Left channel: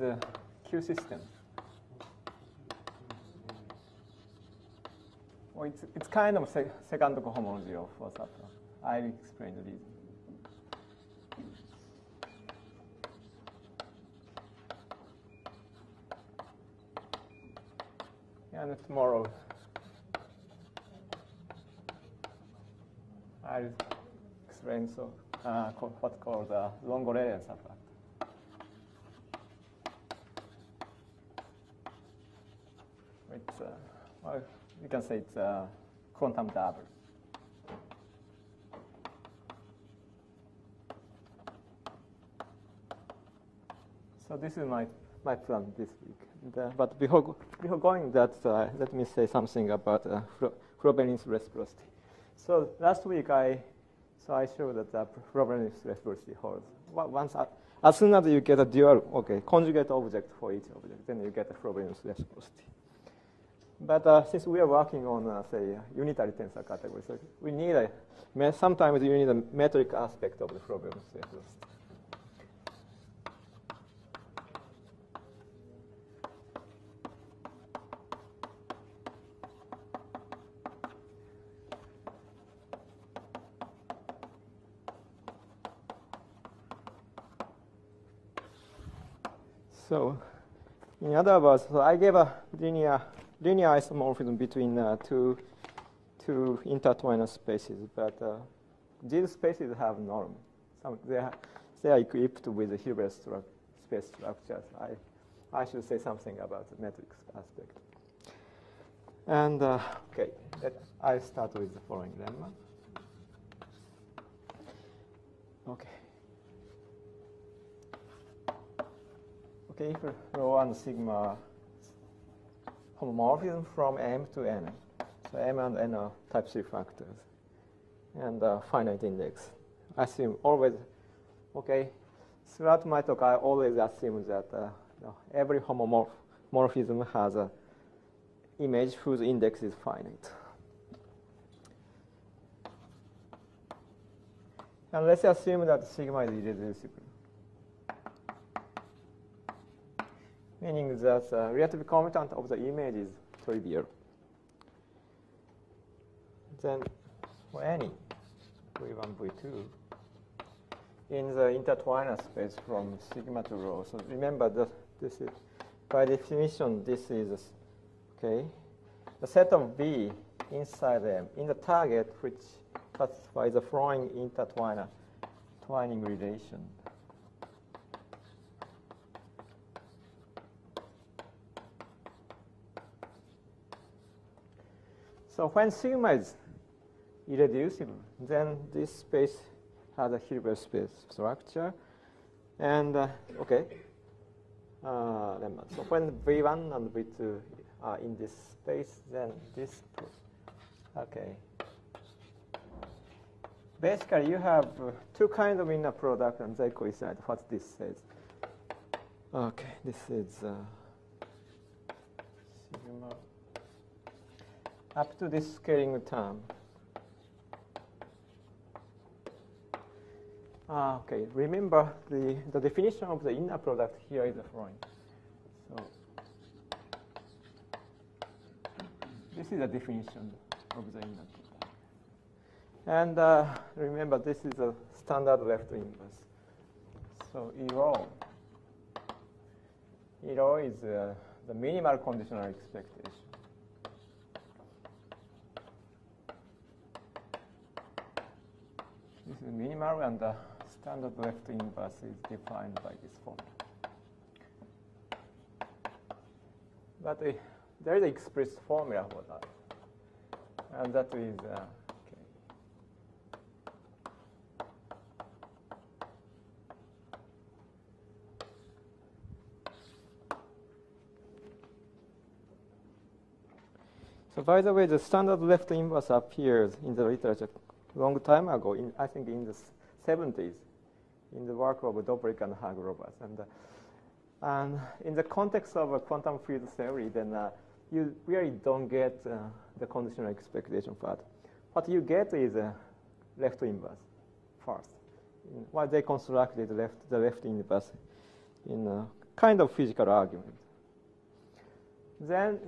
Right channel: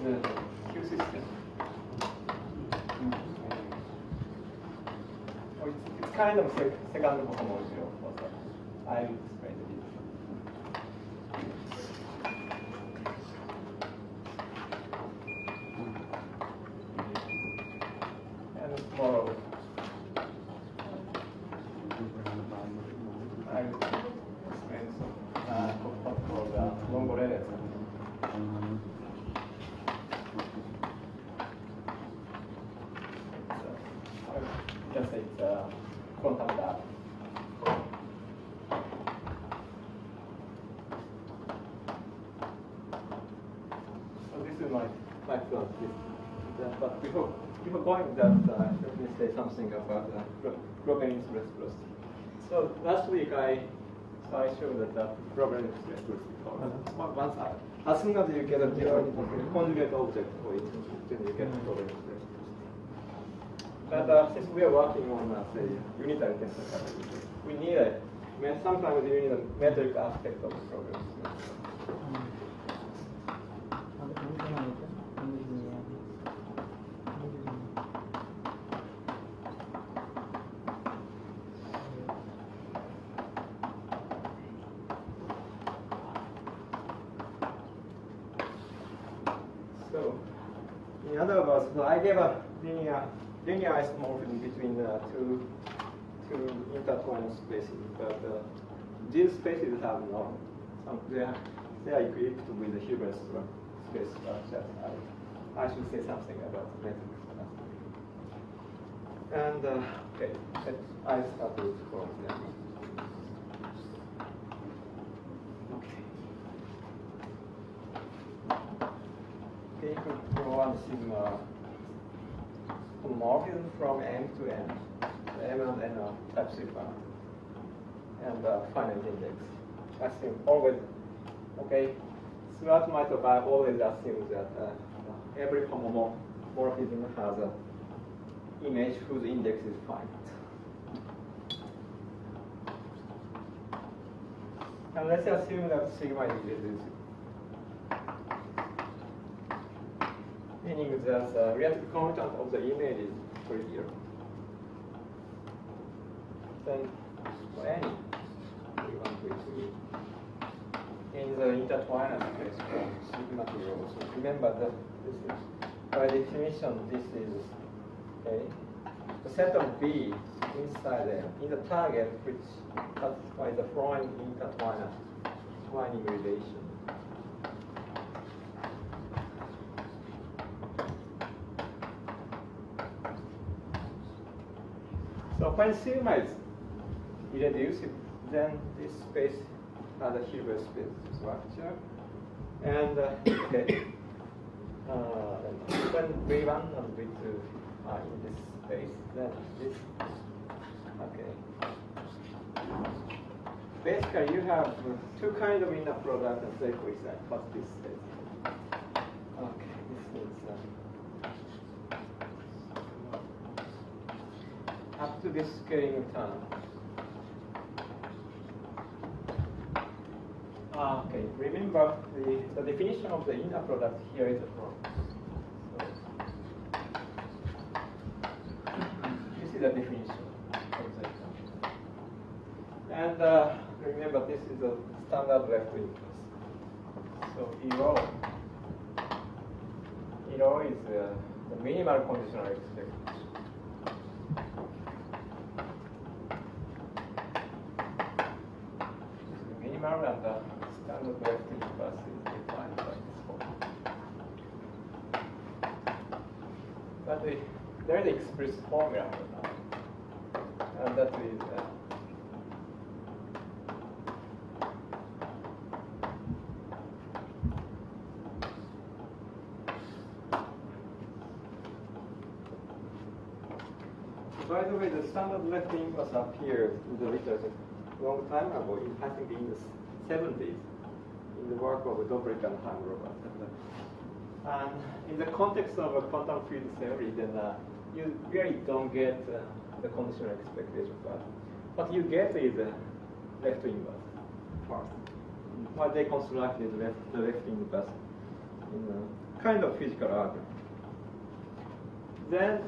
the Q system. Well, it's kind of second cohomology of what's up. I'll explain it. And tomorrow, I'll explain some of what's called Longo-Layers. Just say it's quantum dot. So this is my plan. But before going that, let me say something about Frobenius reciprocity. So last week I showed that Frobenius reciprocity holds. As soon as you get a dual, conjugate object for it, then you get Frobenius reciprocity. But since we are working on, say, unitary tensor category, we need sometimes you need a metric aspect of the problem. So, in other words, I gave a linear isomorphism between two intertwined spaces, but these spaces have none. They are equipped with the Hilbert space structures. I should say something about metrics aspect. And I start with for example. Take rho and sigma homomorphism from M to N. So M and N are type 3 factors. And finite index. I assume always, throughout my talk, I always assume that every homomorphism has an image whose index is finite. And let's assume that sigma is irreducible. Meaning that relative commutant of the image is trivial. Then for any V1, V2 in the intertwiner space from sigma to rho. So remember that this is, by definition, this is the set of V inside M in the target which satisfies the following intertwining relation. So when sigma is irreducible, then this space has a Hilbert space structure. And when V1 and V2 are in this space, then this, basically you have two kinds of inner product and they coincide. What this says. This is up to this scaling term. Remember the definition of the inner product here is wrong. So this is the definition of the inner. And remember this is a standard vector inverse. So in rho is the minimal conditional expectation. And the standard vector inverse is defined by this formula. But there is an explicit formula for that. And that is so by the way, the standard vector inverse appeared in the literature long time ago, I think in the 70s, in the work of Dobrik and Haim-Roberts. And in the context of a quantum field theory, then you really don't get the conditional expectation part. What you get is a left inverse first. What they constructed the left inverse in a kind of physical argument. Then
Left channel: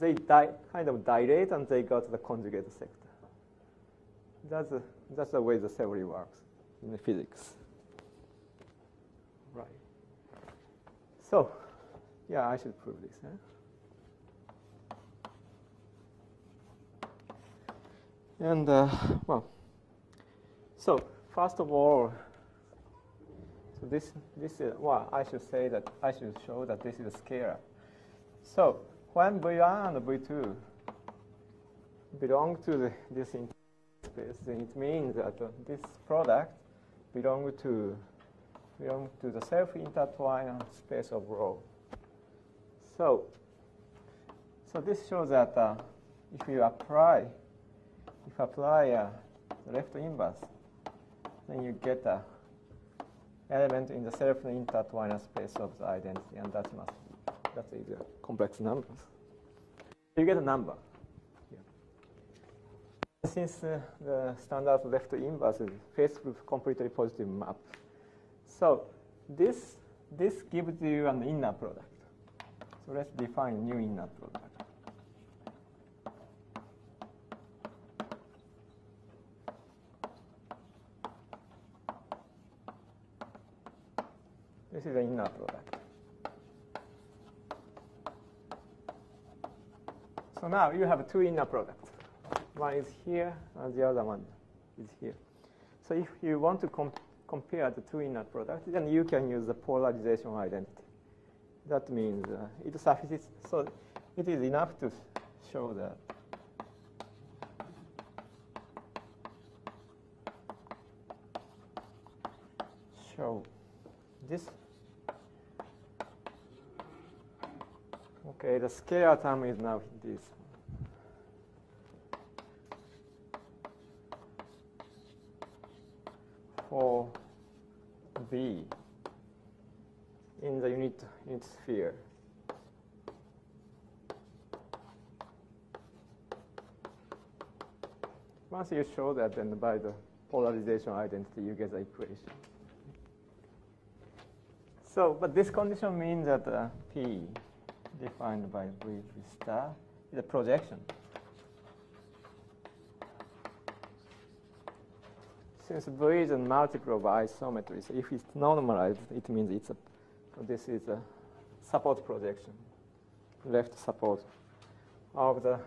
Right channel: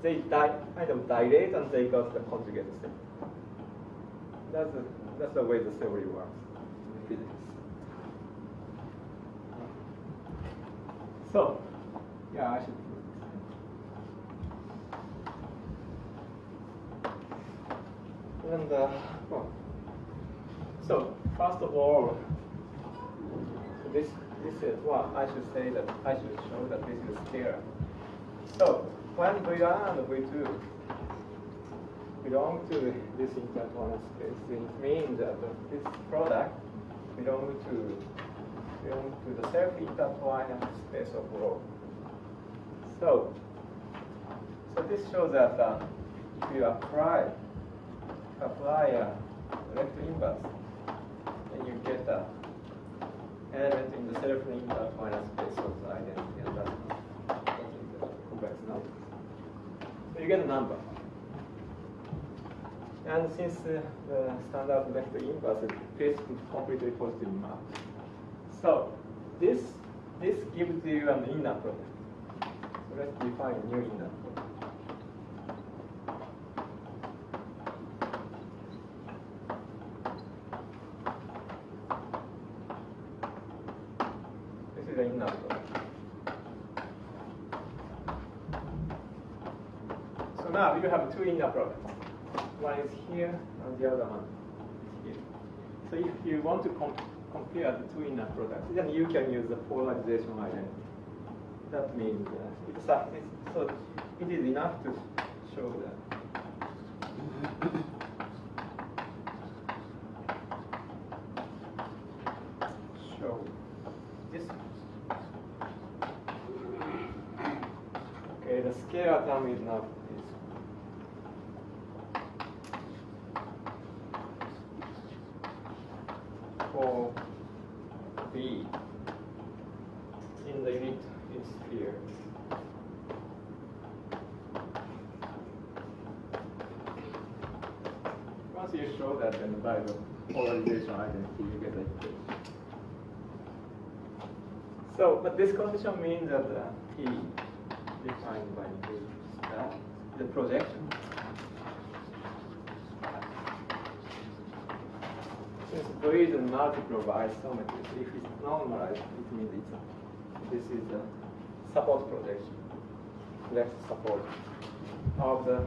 they kind of dilate and they got the conjugate set. That's the way the theory works in the physics. So, yeah, I should prove this. And well, so first of all, this is what I should say that I should show that this is scalar. So when V1 and V2 belong to this intertwined space, it means that this product belongs to the self-intertwined space of rho. So this shows that if you apply a left inverse, then you get an element in the self-intertwined space of the identity, and that is the complex numbers. You get a number. And since the standard left inverse is faced with completely positive map, so this gives you an inner product. So let's define new inner product. This is the inner product. So now you have two inner products. One is here, and the other one is here. So if you want to compare the two inner products, then you can use the polarization identity. That means it suffices. So it is enough to show that. Show this. Okay, the scalar term is now this. For V in the unit sphere. Once you show that, and by the polarization identity, you get the equation. So, but this condition means that P defined by V star the projection. Since V is a multiple of isometry, so if it's normalized, it means this is a support projection, left support of the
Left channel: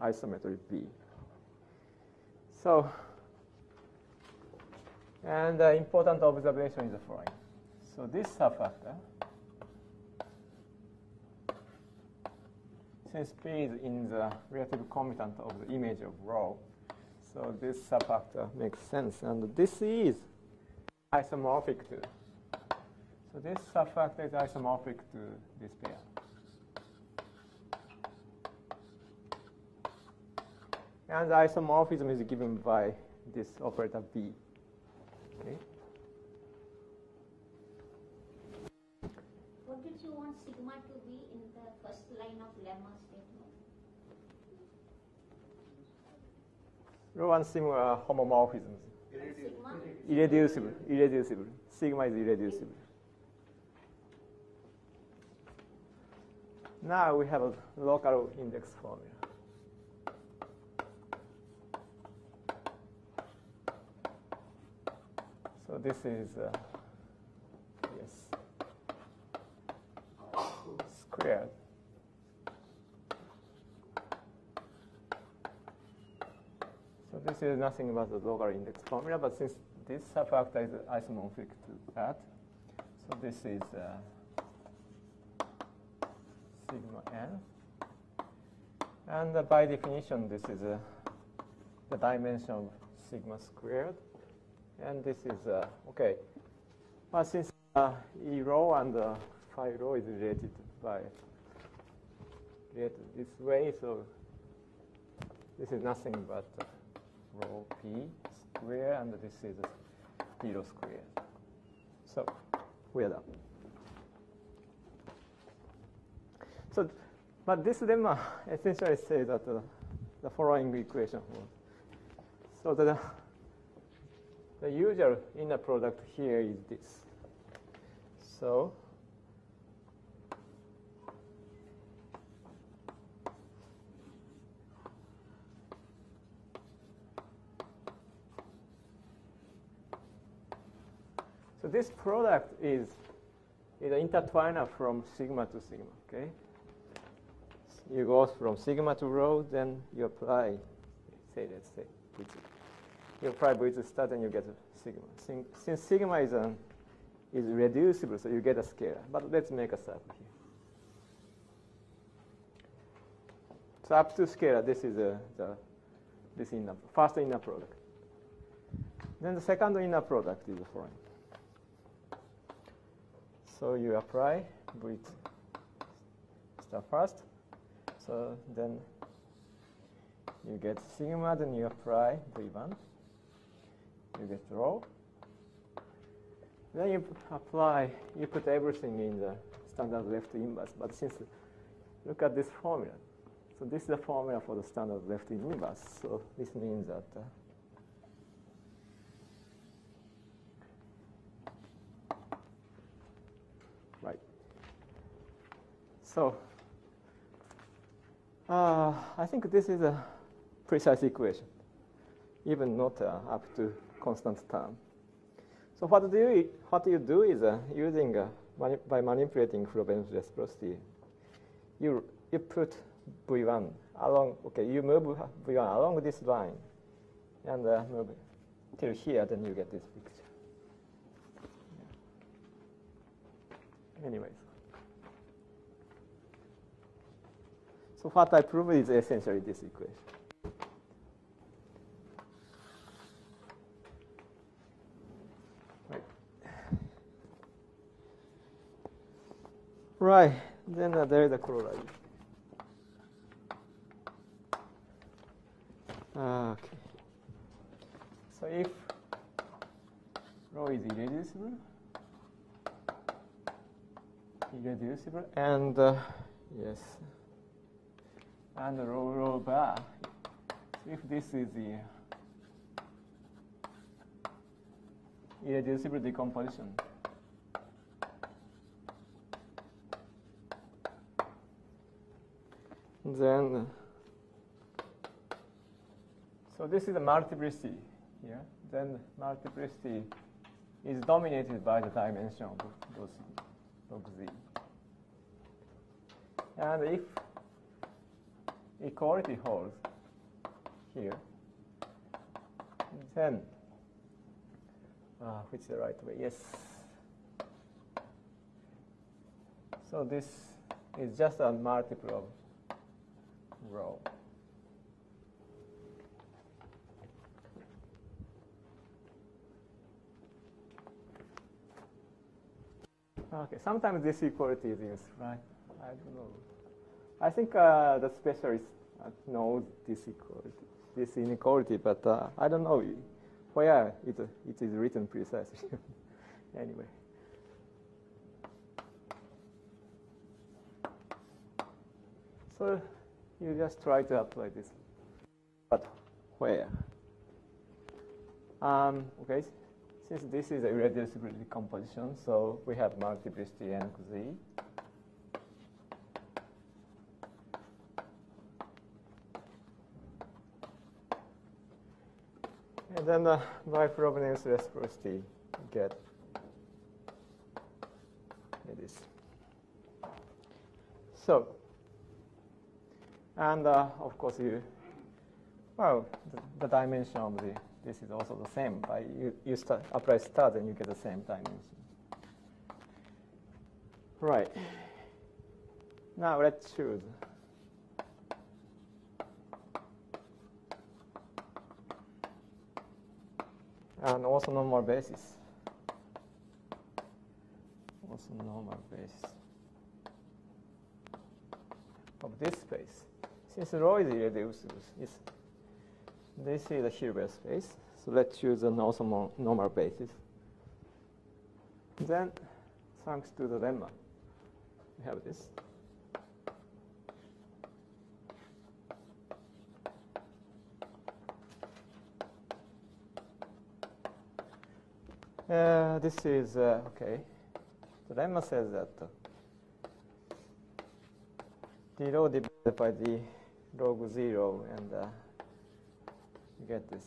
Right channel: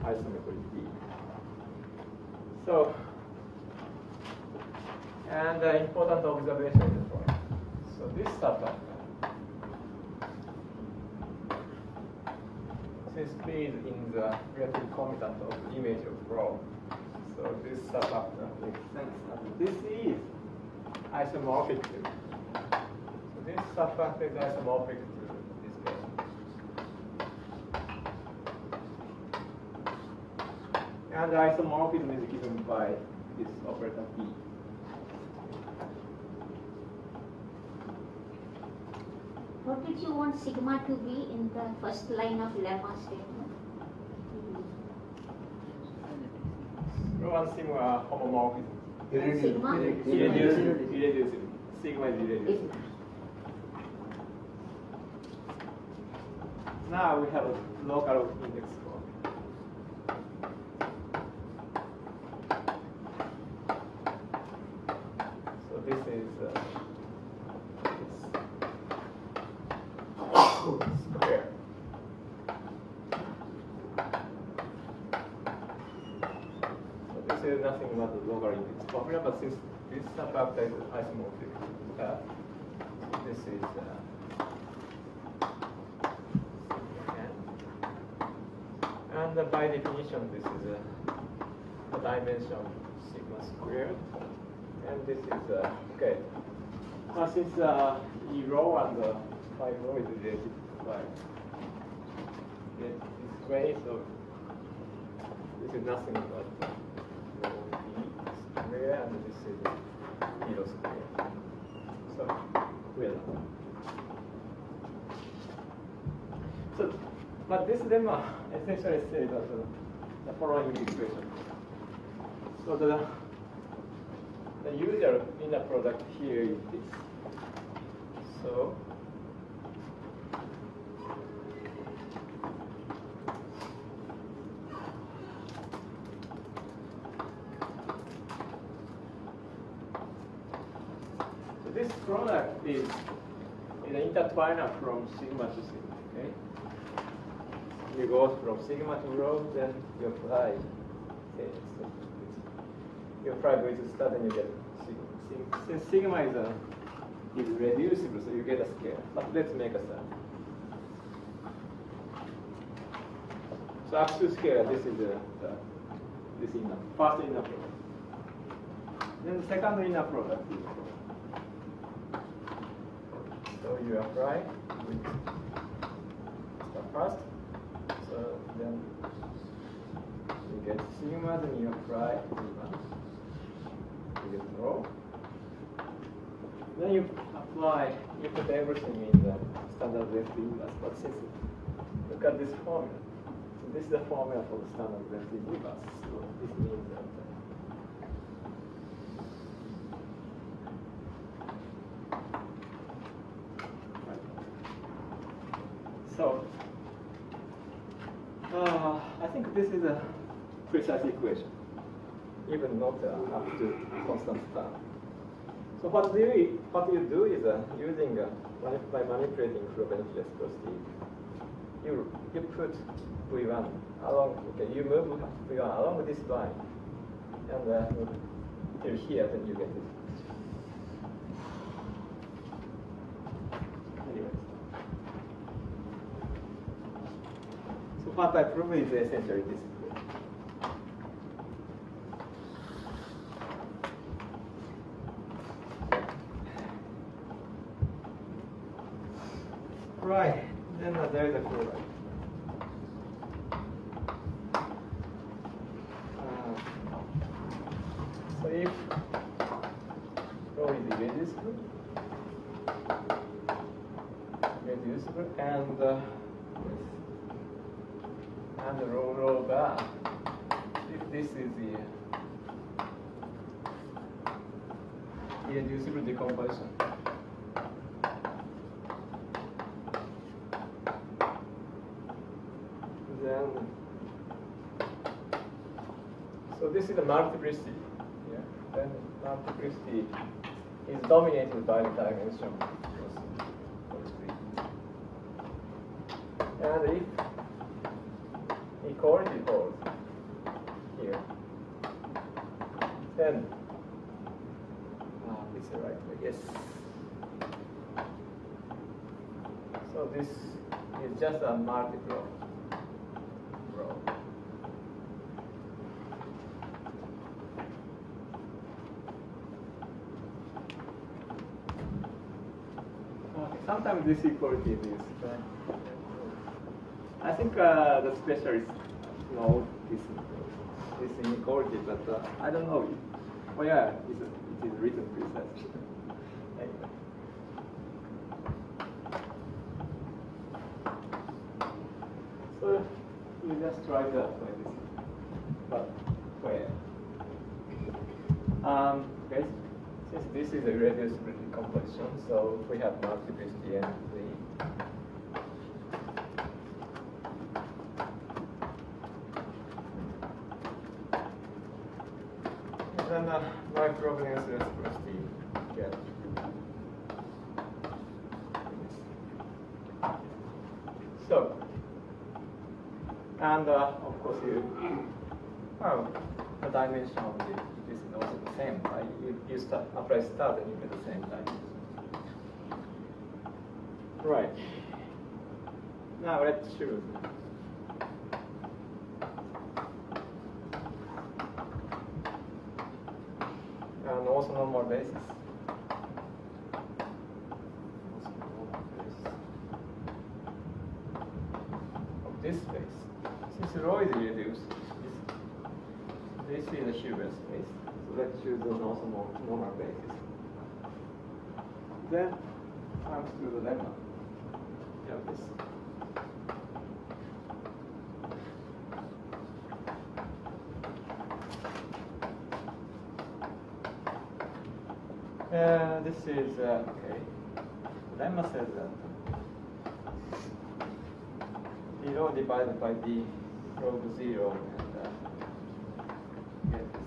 isometry V. So, and the important observation is the following. So this subfactor, since P is in the relative commutant of the image of rho, so this subfactor makes sense, and this is isomorphic to. So this subfactor is isomorphic to this element. And the isomorphism is given by this operator B. What did you want sigma to be in the first line of lemma statement? You want sigma homomorphism. Sigma? Irreducible. Sigma is irreducible. Now we have a local index form. So this is square. So this is nothing but the local index formula, but since this subfactor is isomorphic to that, so this is and by definition, this is the dimension of sigma squared, and this is okay. Since the E rho and the phi rho is related by this way, so this is nothing but rho B square, and this is E rho square. So we are done. So, but this lemma essentially says that the following equation. So the usual inner product here is this. So product is intertwiner from sigma to sigma. Okay, you go from sigma to rho, then you apply. You apply with the start, and you get sigma. Since sigma is reducible, so you get a scale. But let's make a sum. So up to scale, this is this inner first inner product. Then the second inner product is. So you apply with start first. So then you get sigma, then you apply V1. You get rho. Then you apply, you put everything in the standard left inverse. But since look at this formula. So this is the formula for the standard left inverse. So this means that right. So I think this is a precise equation, even not up to constant term. So what you do is using by manipulating Frobenius reciprocity, you put V1 along. Okay, you move V1 along this line, and till here, then you get this. Anyway, so what I prove is essentially this equation. Right, then there is a chloride. So if rho is reducible, and yes, and rho bar, if this is the irreducible decomposition. Then, so this is a multiplicity. Yeah. Then the multiplicity is dominated by the dimension. And if equality holds here, then it's the right way. Yes. So this is just a multiple rho. Okay, sometimes this equality is I think the specialists know this inequality, but I don't know where it is written precisely. Anyway. So you just try to apply this. But where? Okay, since this is a irreducible decomposition, so we have multiplicity and the and then by Frobenius reciprocity get this. So, and of course the dimension of this is also the same. You apply stars and you get the same dimension. Right. Now let's choose. And also normal basis. Also normal basis of this space. Since rho is reduced, this is a Hilbert space. So let's choose an also normal basis. Then, thanks to the lemma, we have this. This is, okay, the lemma says that the rho divided by the log 0 and get this.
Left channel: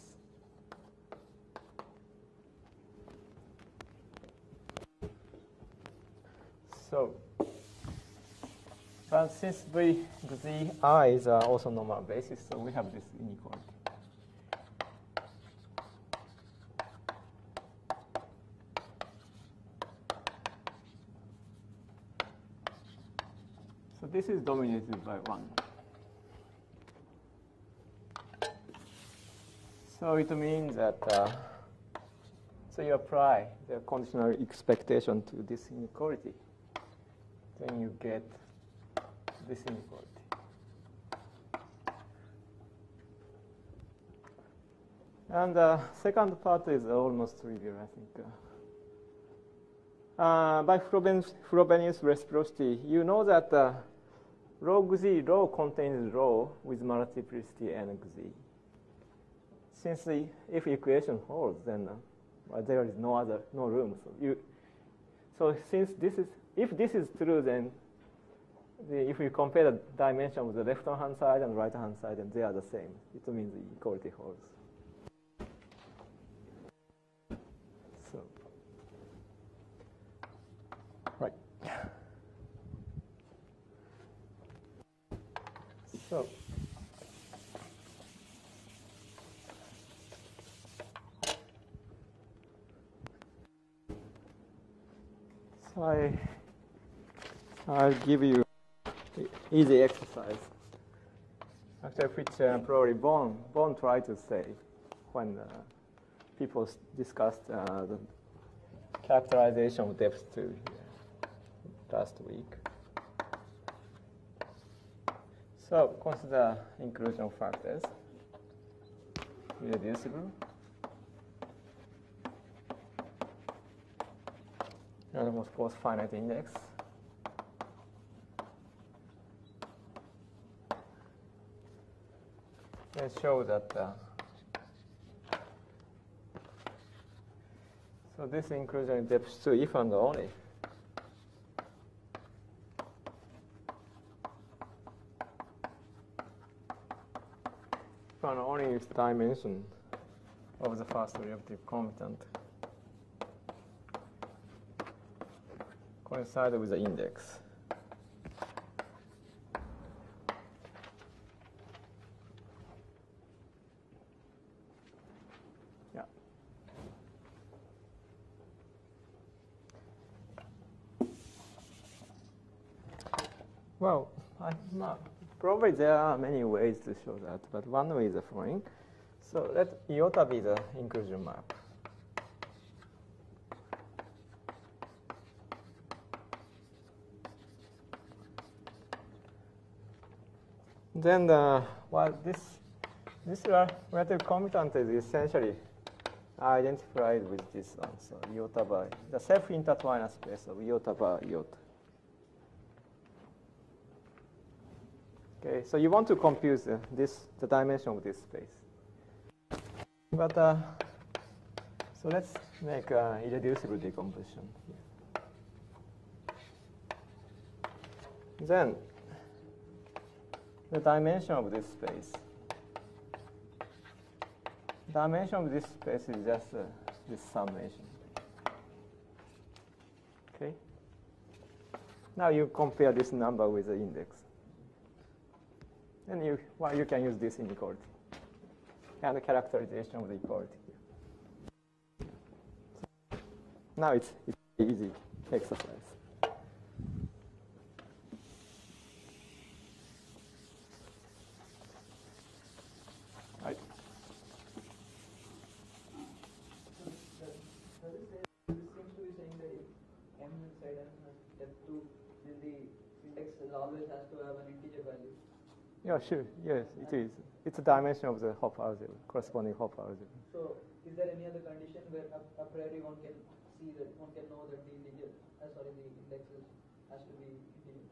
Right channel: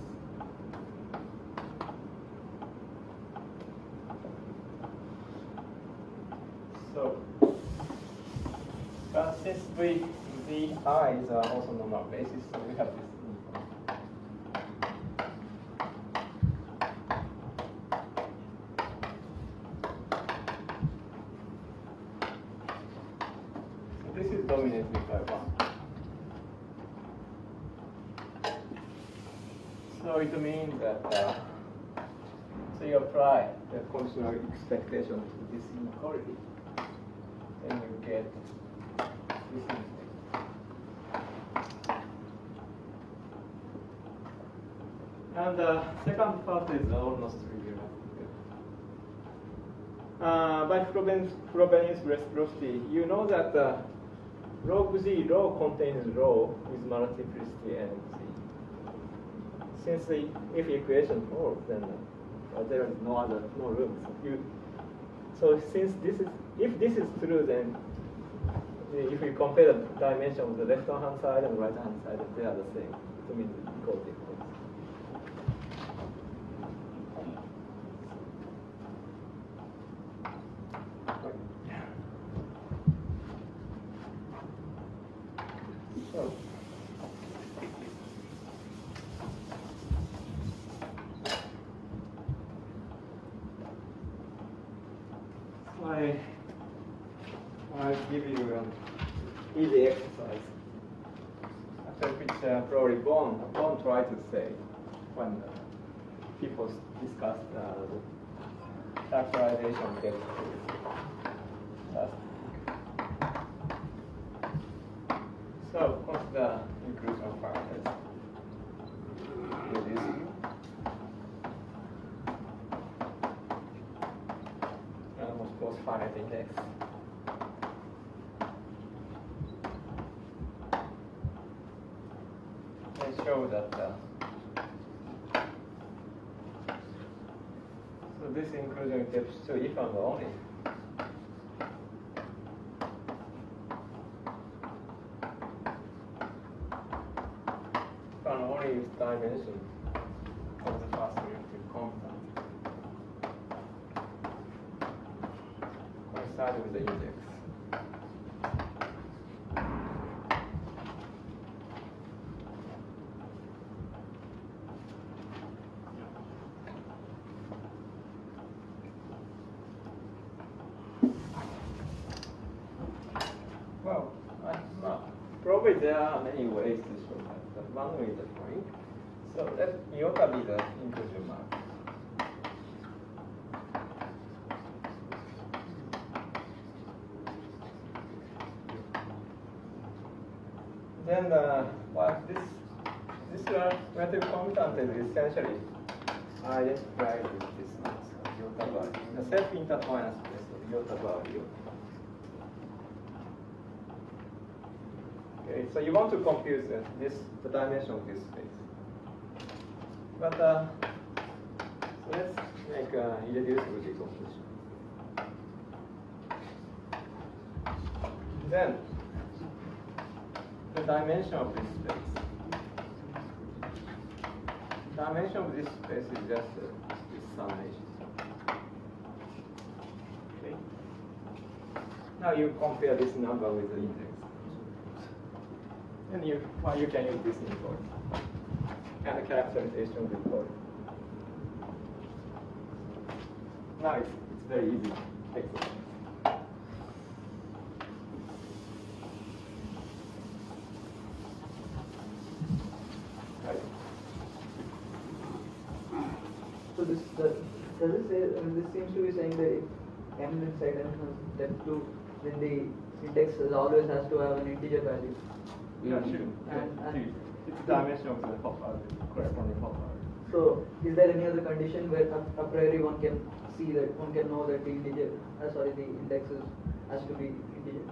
So, but since the i's are also normal basis, so we have this inequality. So this is dominated by 1. So it means that so you apply the conditional expectation to this inequality, then you get this inequality. And the second part is almost trivial. By Frobenius reciprocity, you know that log z rho contains rho with multiplicity nz. Since the if equation holds, then there is no room. So since if this is true, then if we compare the dimension of the left-hand side and right-hand side, they are the same. It means equality holds. I'll give you an easy exercise, after which probably Bon tried to say when people discussed the characterization of depth to last week. So consider inclusion factors. Here this is. And of course finite index. I show that so this inclusion depth to if and only. If and only is dimension of the first reactive component coincide with the index. Well, probably there are many ways to show that, but one way is the following. So let iota be the inclusion mark. Then this relative commutant is essentially identified with this one. So iota bar, the self-intertwined space of iota bar iota. Okay, so you want to compute the dimension of this space. But so let's make irreducible decomposition. Then the dimension of this space. Dimension of this space is just this summation. Okay. Now you compare this number with the index. And you can use this inequality and the characterization of the inequality. Now it's very easy exercise. Right. So does it say? I mean, this seems to be saying that if m inside n has depth 2, then the index always has to have an integer value. Yeah, sure. Yeah, it's a dimension of the corresponding Hopper. So, is there any other condition where a priori one can see that one can know that the integer, the index has to be integer?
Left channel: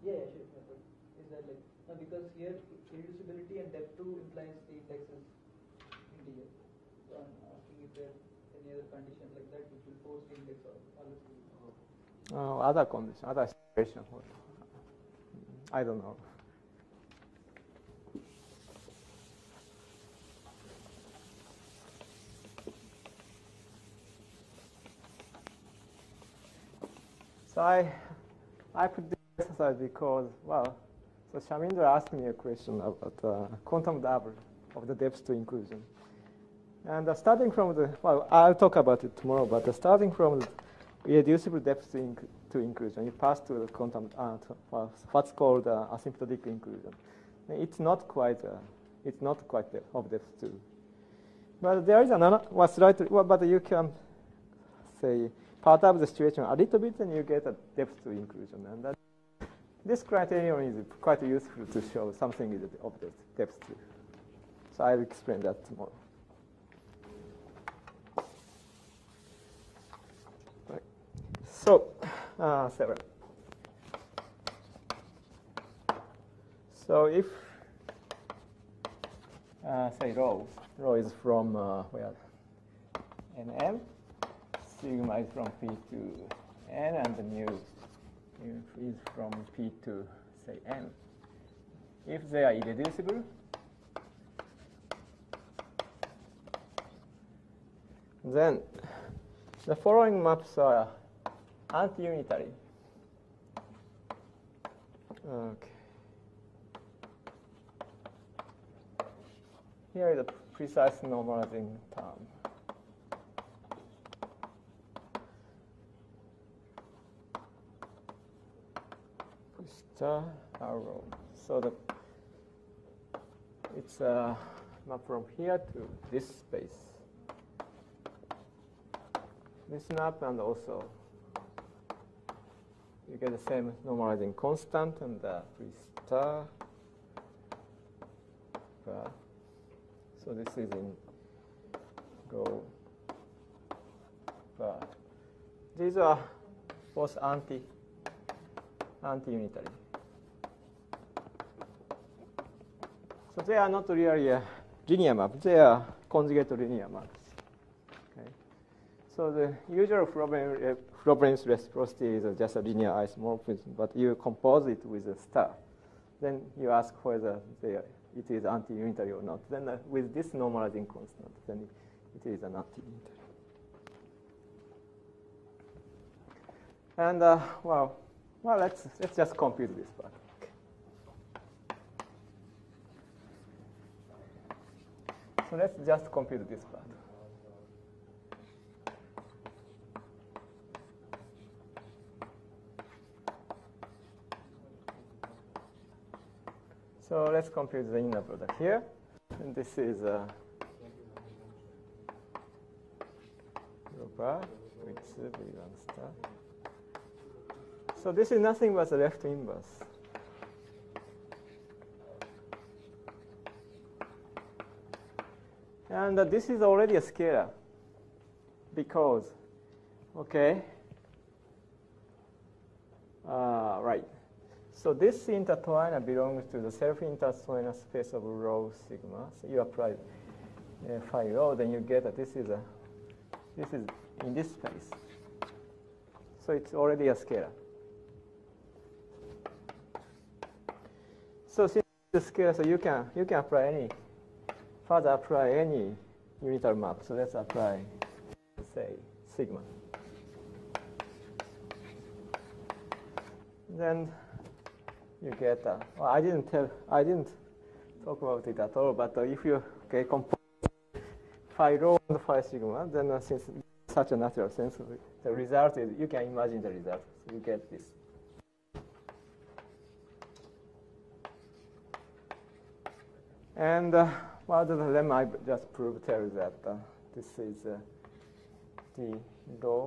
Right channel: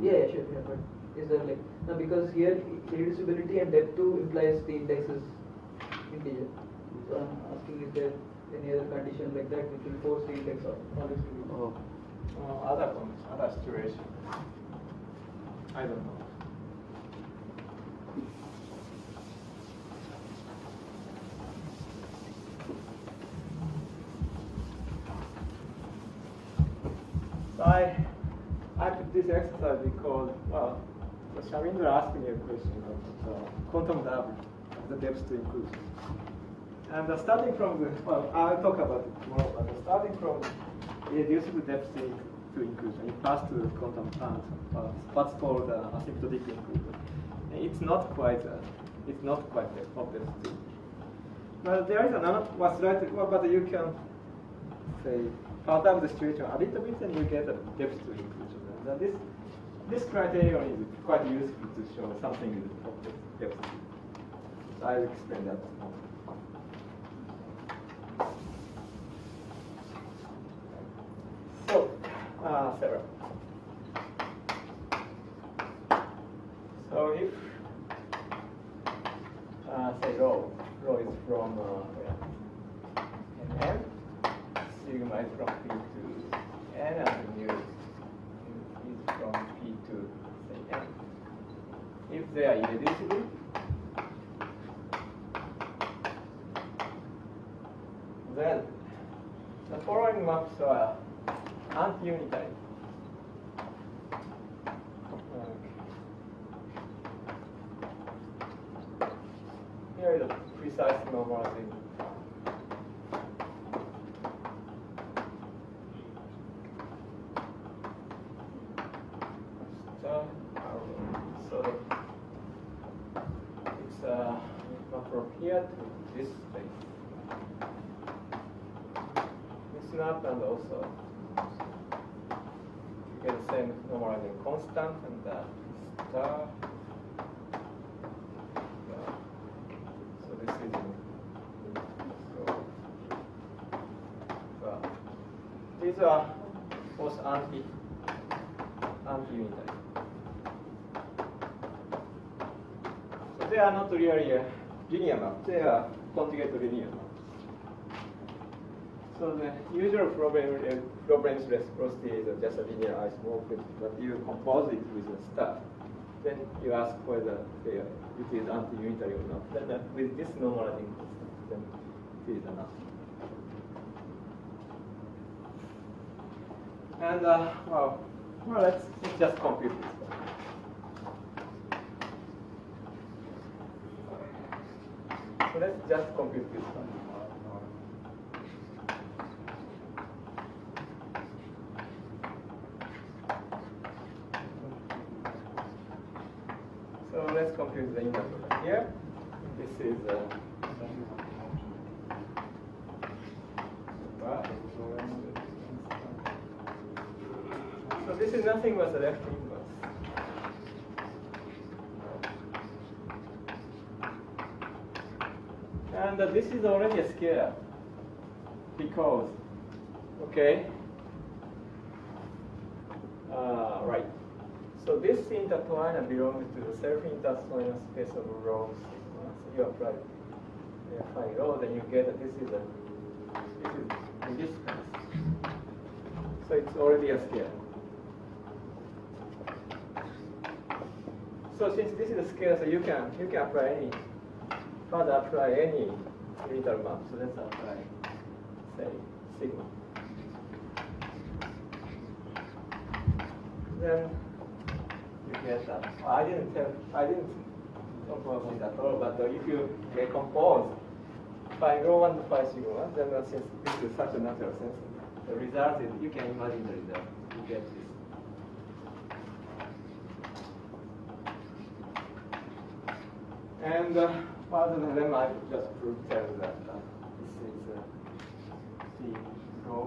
Yeah, sure. Yeah, but is there now because here irreducibility and depth 2 implies the index is integer. So I'm asking, is there any other condition like that which will force the index always to be? Other condition, other situation. I don't know. So I did this exercise because, well, so Shamindra asked me a question about quantum level of the depth to inclusion. And starting from the, well, I'll talk about it tomorrow, but starting from irreducible depth to inclusion, you pass to the quantum, what's called asymptotic inclusion. It's not quite of depth two. But there is another one slightly, but you can say part of the situation a little bit, and you get a depth to inclusion. And this criterion is quite useful to show something is of depth two. So I will explain that tomorrow. So, Sarah. So if say rho is from where? N, sigma is from P to N, and mu is from P to say N. If they are irreducible, then the following maps are anti-unitary. Okay. Here is a precise normalizing term. Star arrow. So it's not from here to this space. This map, and also you get the same normalizing constant, and star. So this is rho. These are both anti-unitary. So they are not really a linear map, they are conjugate linear maps. So the usual Frobenius reciprocity is just a linear isomorphism, but you compose it with a star. Then you ask whether it is anti-unitary or not. Then with this normalizing constant, then it is an anti-unitary. And well, let's just compute this one. So let's just compute this one. So let's compute the inner product here. This is so this is nothing but the left inverse. And this is already a scalar because, okay, right. So this intertwiner belongs to the self-intertwiner space of rho sigma. So you apply phi rho, then you get this is in this space. So it's already a scalar. So since this is a scalar, so you can apply any unitary map. So let's apply, say, sigma. Then you get well, I didn't talk about it at all, but if you compose phi rho and phi sigma, then since this is such a natural sense, the result is, you can imagine the result. You get this. And rather than them, I just tell that this is the rho,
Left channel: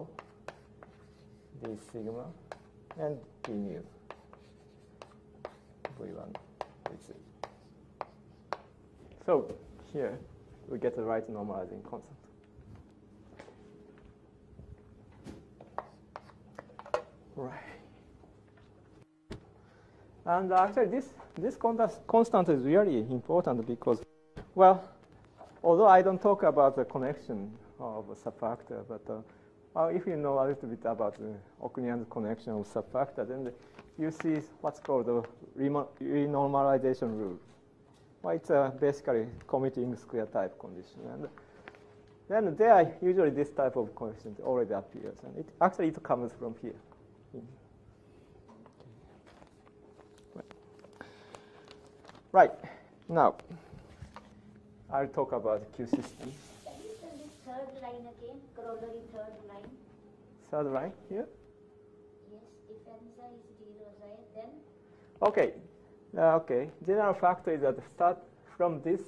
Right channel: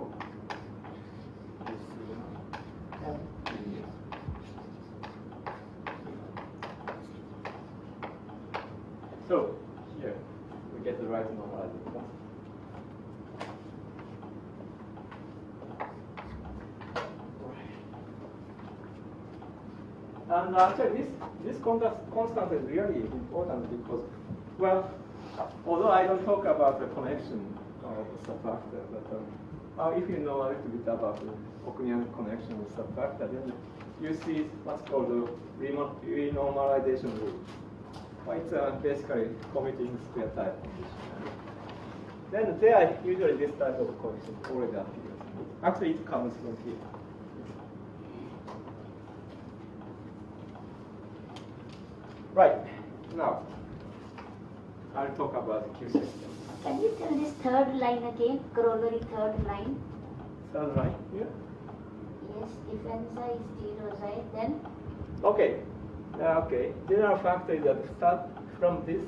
this sigma, and the mu. So here we get the right normalizing constant. Right. And actually this constant is really important because, well, although I don't talk about the connection of the subfactor, but if you know a little bit about the Occamian connection of subfactor, then you see what's called the renormalization rule. Well, it's basically commuting square type condition. Then there usually this type of condition already appears. Actually, it comes from here. Right. Now, I'll talk about the Q system. Can you tell this third line again? Corollary third line. Third line here. Yes, if n psi is 0 psi, then Okay. Okay. General factor is that start from this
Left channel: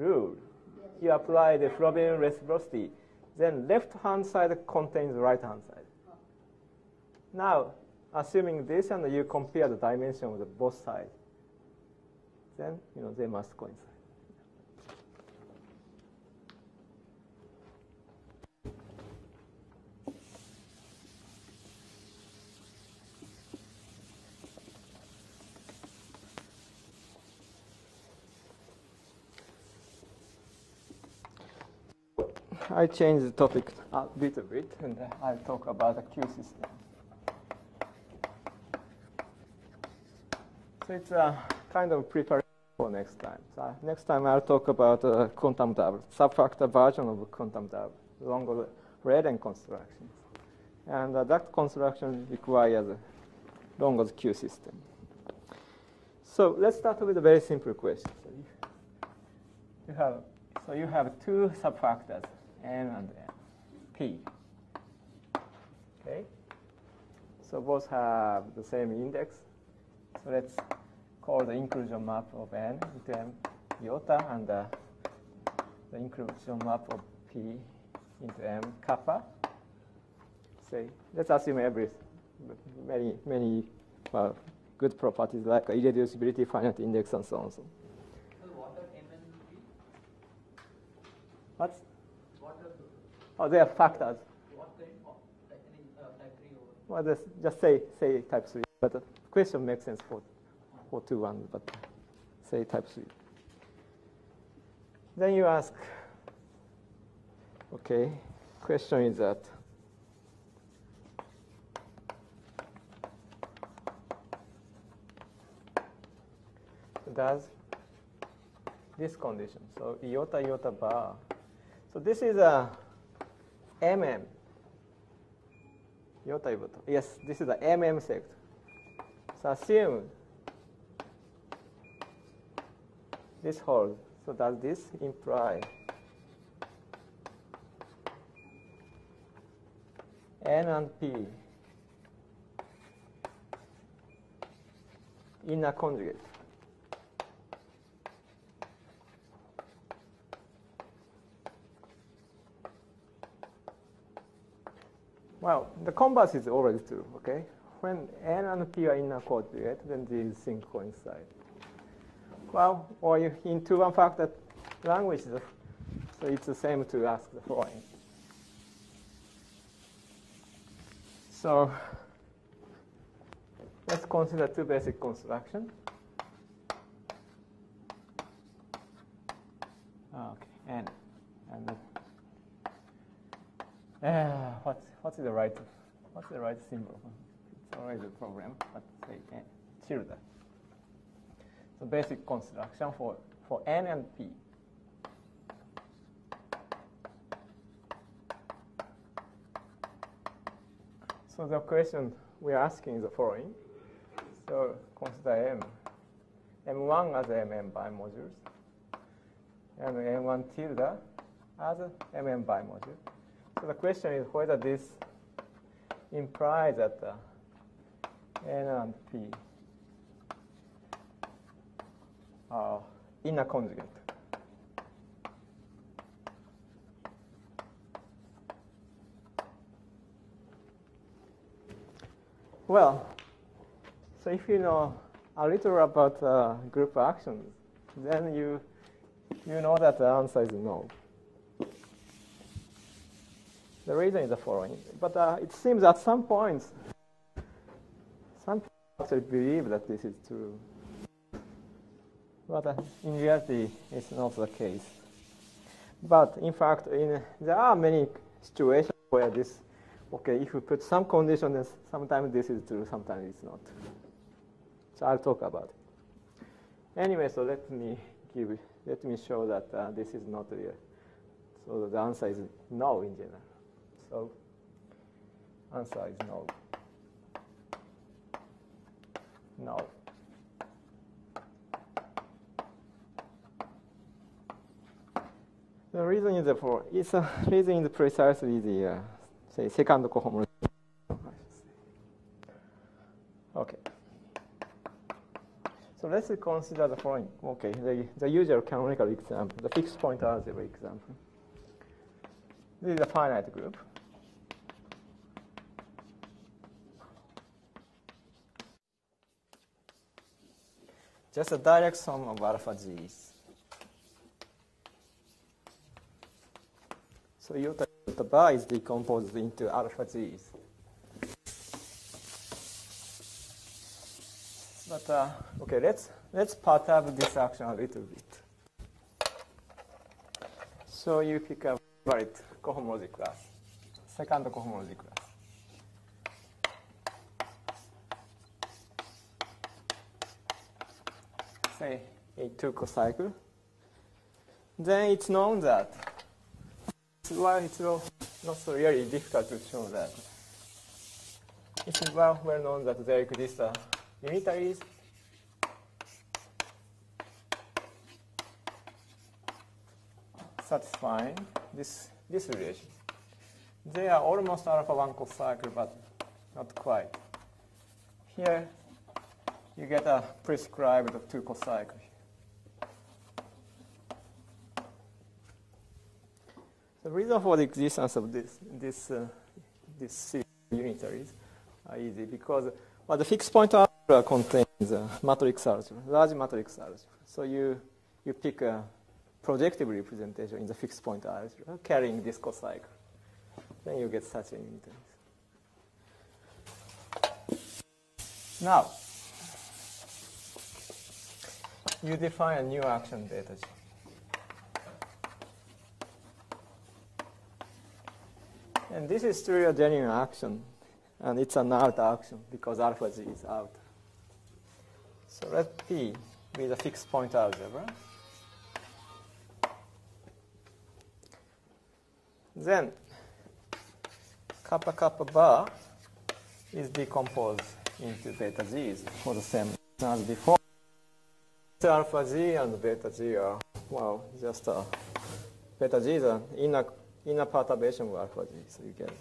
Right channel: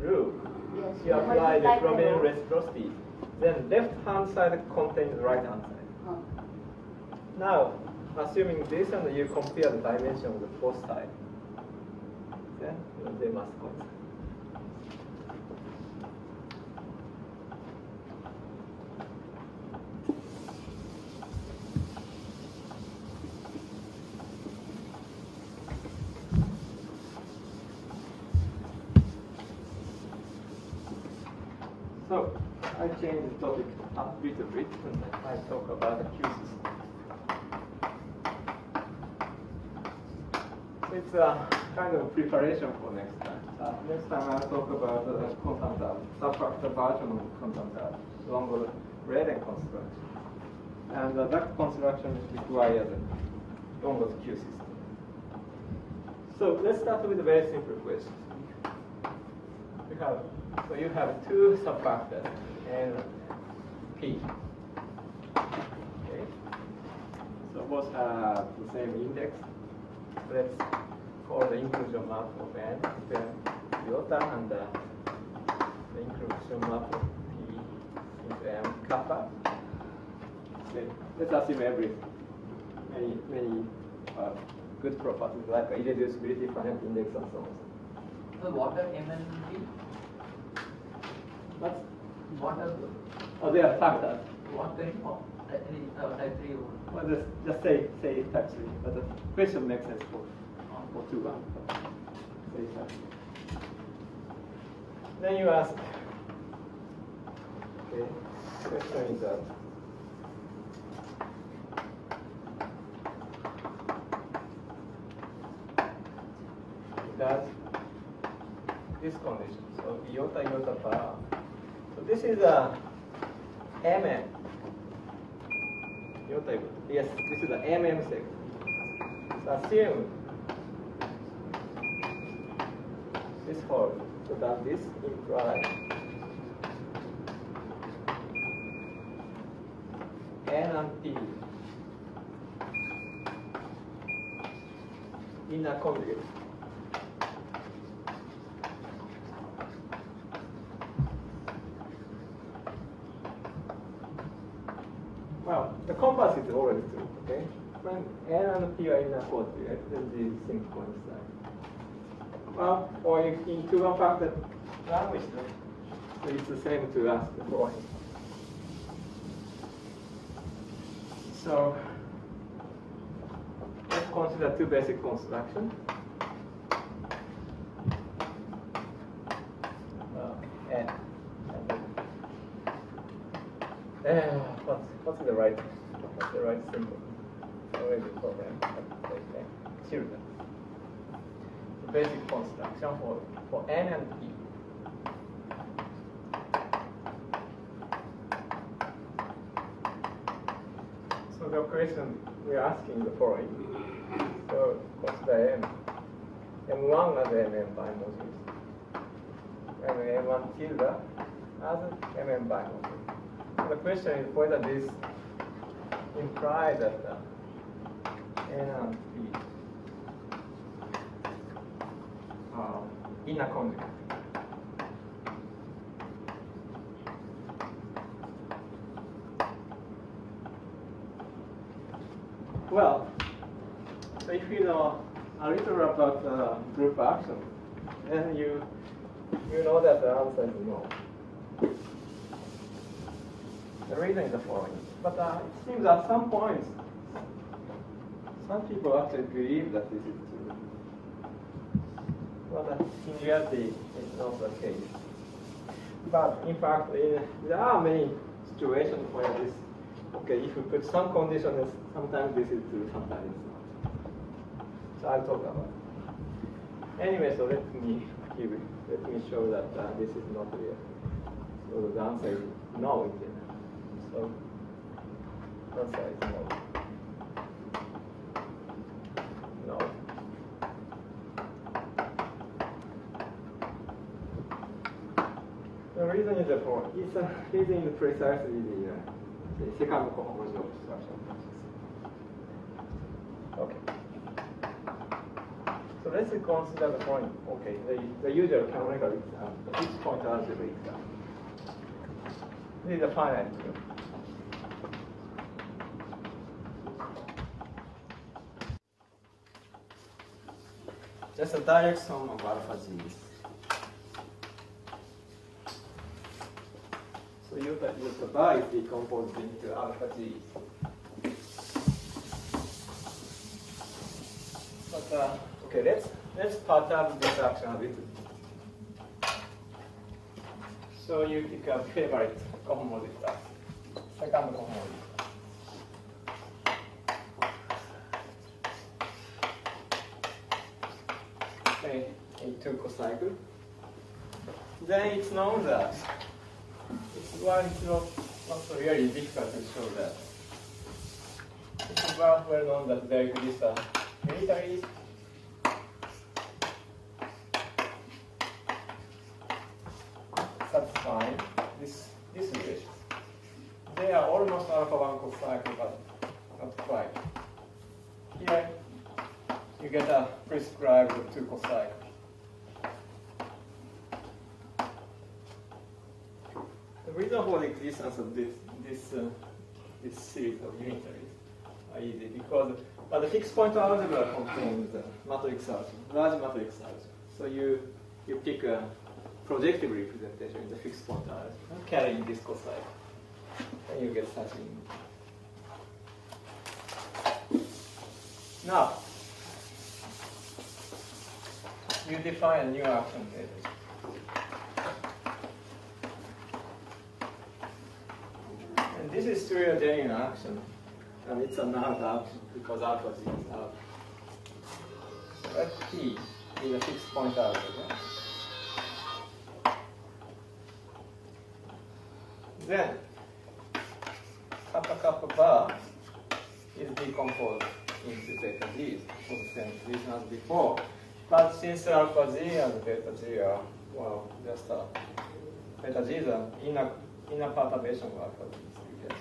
rule. yes, You apply the multiply by Frobenius rho. reciprocity. Then left hand side contains the right hand side. Oh. Now, assuming this and you compare the dimension of both sides, then they must coincide. So I change the topic a little bit and I talk about the Q system. So it's a kind of preparation for next time. So next time I'll talk about quantum dot, subfactor version of quantum dot, along with Braden construction. And that construction requires Longo's Q system. So let's start with a very simple question. You have two subfactors, N and P. Okay. So both have the same index. Let's call the inclusion map of N into N iota and the inclusion map of P into N kappa. So let's assume many good properties like irreducibility, finite index, and so on. So what are M and P? What? What are Oh, they are factors. what kind of type 3 or Well, just say type 3, but the question makes sense for 2-1, but say type 3. Then you ask, okay, question is that does this condition, so iota bar. So this is a MM. Yes, this is an MM sector. So assume this holds. So does this imply N and P in a conjugate? Well, the converse is always true, okay? When N and P are in a conjugate, then these things coincide. Well, or if in two-one factor language, so it's the same to ask the following. So let's consider two basic constructions. N and what's the right symbol? It's always a problem. Children. So basic construction for N and P. So the question we are asking is the following. So consider M. M1 as MM bimodules. And M1 tilde as MM bimodules. So the question is whether this implies that N and P are in a conjugate. Well, so if you know a little about group actions, then you know that the answer is no. The reason is the following. But it seems at some point, some people actually believe that this is true. But in reality, it's not the case. But in fact, there are many situations where this, okay, if we put some conditions, sometimes this is true, sometimes it's not. So I'll talk about it. Anyway, so let me show that this is not real. So the answer is no in general. So answer is no. No. reason is for reason is precisely the say second cohomology of structural process. Okay. So let's consider the following. Okay, the usual canonical example, the fixed point algebra example. This is a finite group. Just a direct sum of alpha g's. So the bar is decomposed into alpha g's. But okay, let's pattern this action a little bit. So you pick a favorite cohomology class, second cohomology. Say in two cocycle. Then it's known that it's not so really difficult to show that. It's well known that there exists a unitaries satisfying this relation. They are almost alpha 1 cocycle, but not quite. Here you get a prescribed 2 cocycle. The reason for the existence of this series of unitaries are easy because the fixed point algebra contains matrix algebra, large matrix algebra. So you pick a projective representation in the fixed point algebra carrying this cocycle. Then you get such an unitary. Now you define a new action data set. And this is still a genuine action, and it's an out action because alpha z is out. So let P be the fixed point algebra. Then kappa kappa bar is decomposed into beta z's for the same reason as before. But since alpha z and beta z are, well, just beta z is an inner perturbation of alpha z, you get.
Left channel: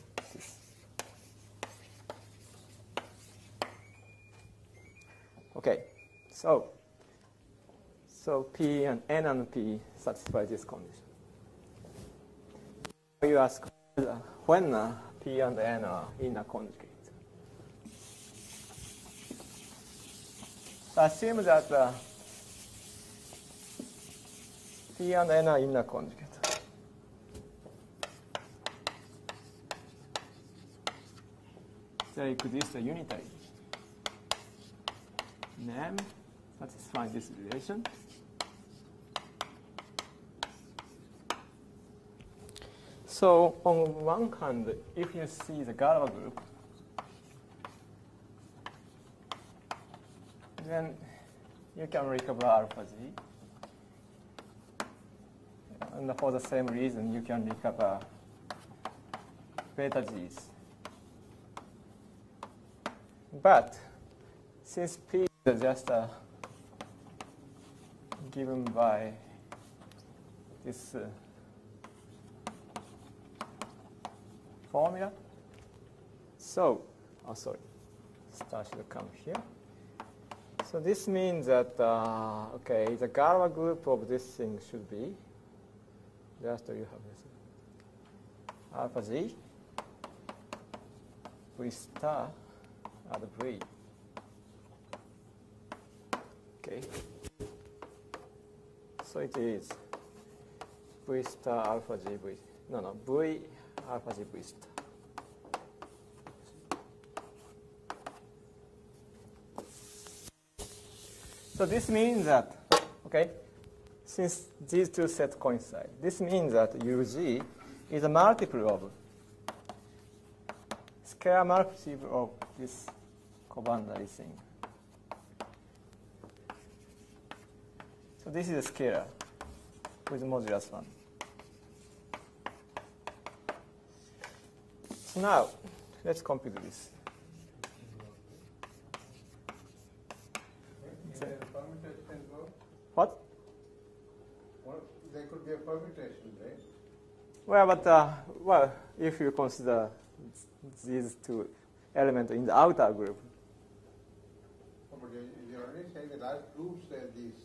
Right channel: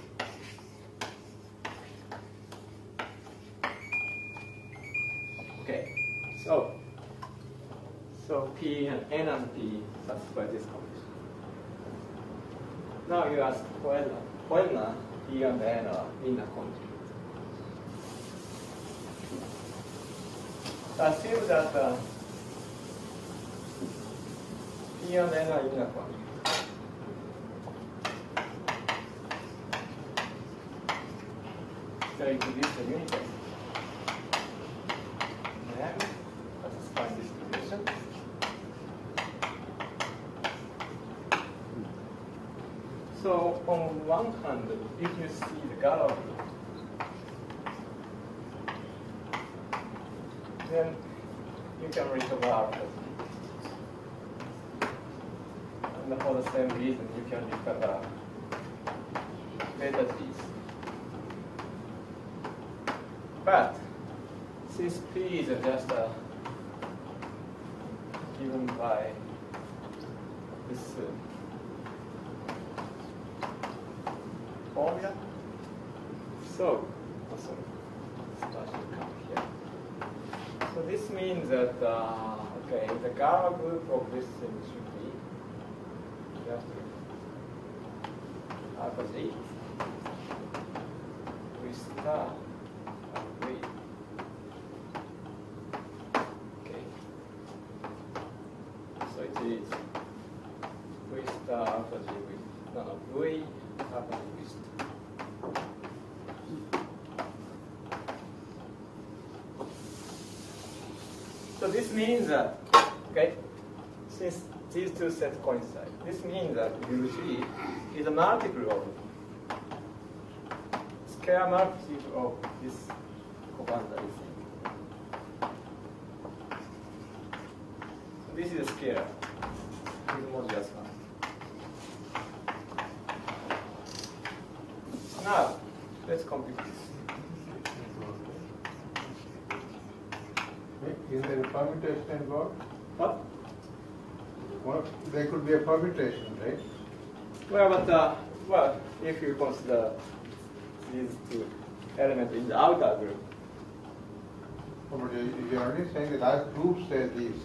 Okay, so P and N and P satisfy this condition. Now you ask when P and N are inner conjugates. Assume that P and N are inner conjugates. They introduce the unitary. Then satisfy this relation. So on one hand, if you see the Galois group, then you can recover alpha z. And for the same reason, you can recover beta z's. But since P is just given by this formula, so sorry, star should come here. So this means that okay, the Galois group of this thing should be, you have to alpha z with star and v. Okay. So it is v star alpha z with v alpha z with star. So this means that, okay, since these two sets coincide, this means that UG is a multiple of scalar multiple of this covariance thing. So this is a scalar with modulus 1. So now let's compute this. Is there a permutation involved? What? Well, there could be a permutation, right? Well, but well, if you consider these two elements in the outer group. You're only saying that as groups say this.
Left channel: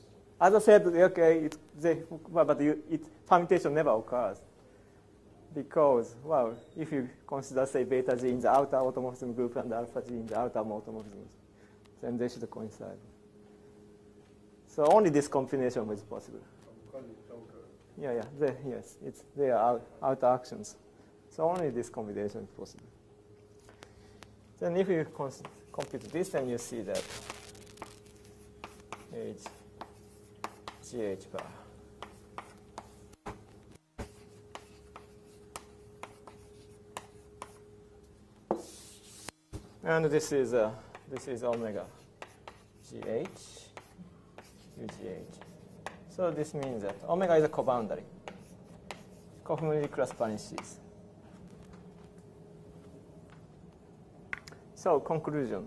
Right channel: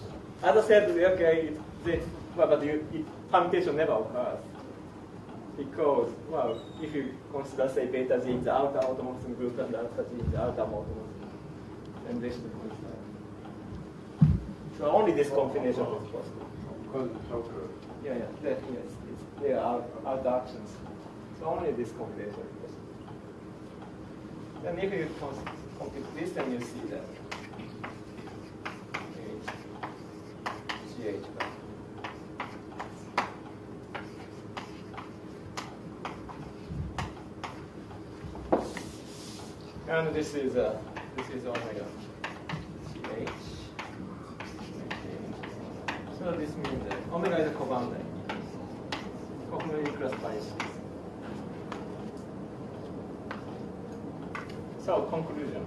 As I said, okay, permutation never occurs. Because, well, if you consider, say, beta G in the outer automorphism group and alpha G in the outer automorphism, then they should coincide. So only this combination is possible. Because it's so good. Yeah, yes, they are outer actions. So only this combination is possible. Then if you compute this, then you see that it's CH bar. And this is omega CH. So this means that omega is a coboundary. Cohomology class vanishes. So conclusion.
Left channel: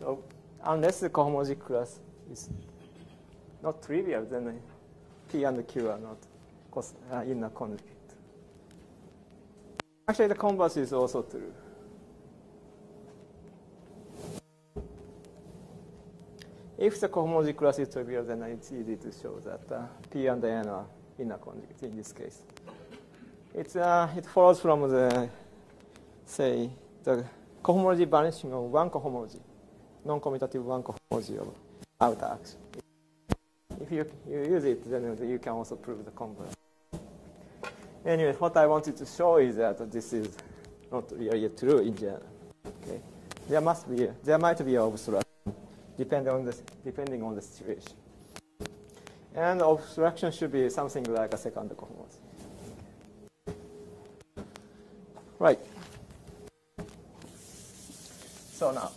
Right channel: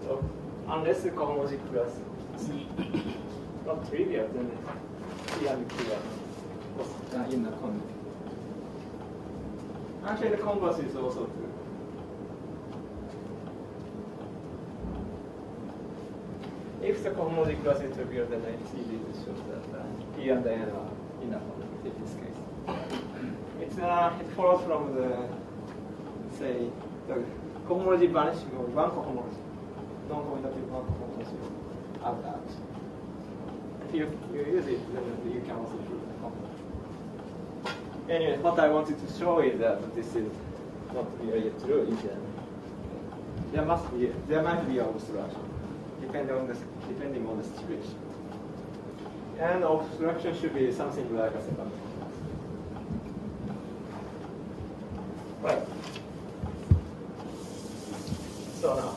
So unless the cohomology class is not trivial, then P and Q are not inner conjugate. Actually, the converse is also true. If the cohomology class is trivial, then it's easy to show that P and N are inner conjugates in this case. It follows from the, say, the cohomology vanishing of one cohomology, non-commutative one cohomology of outer action. If you use it, then you can also prove the converse. Anyway, what I wanted to show is that this is not really true in general. Okay? There might be an obstruction, depending on the situation. And obstruction should be something like a second converse. Right. So now.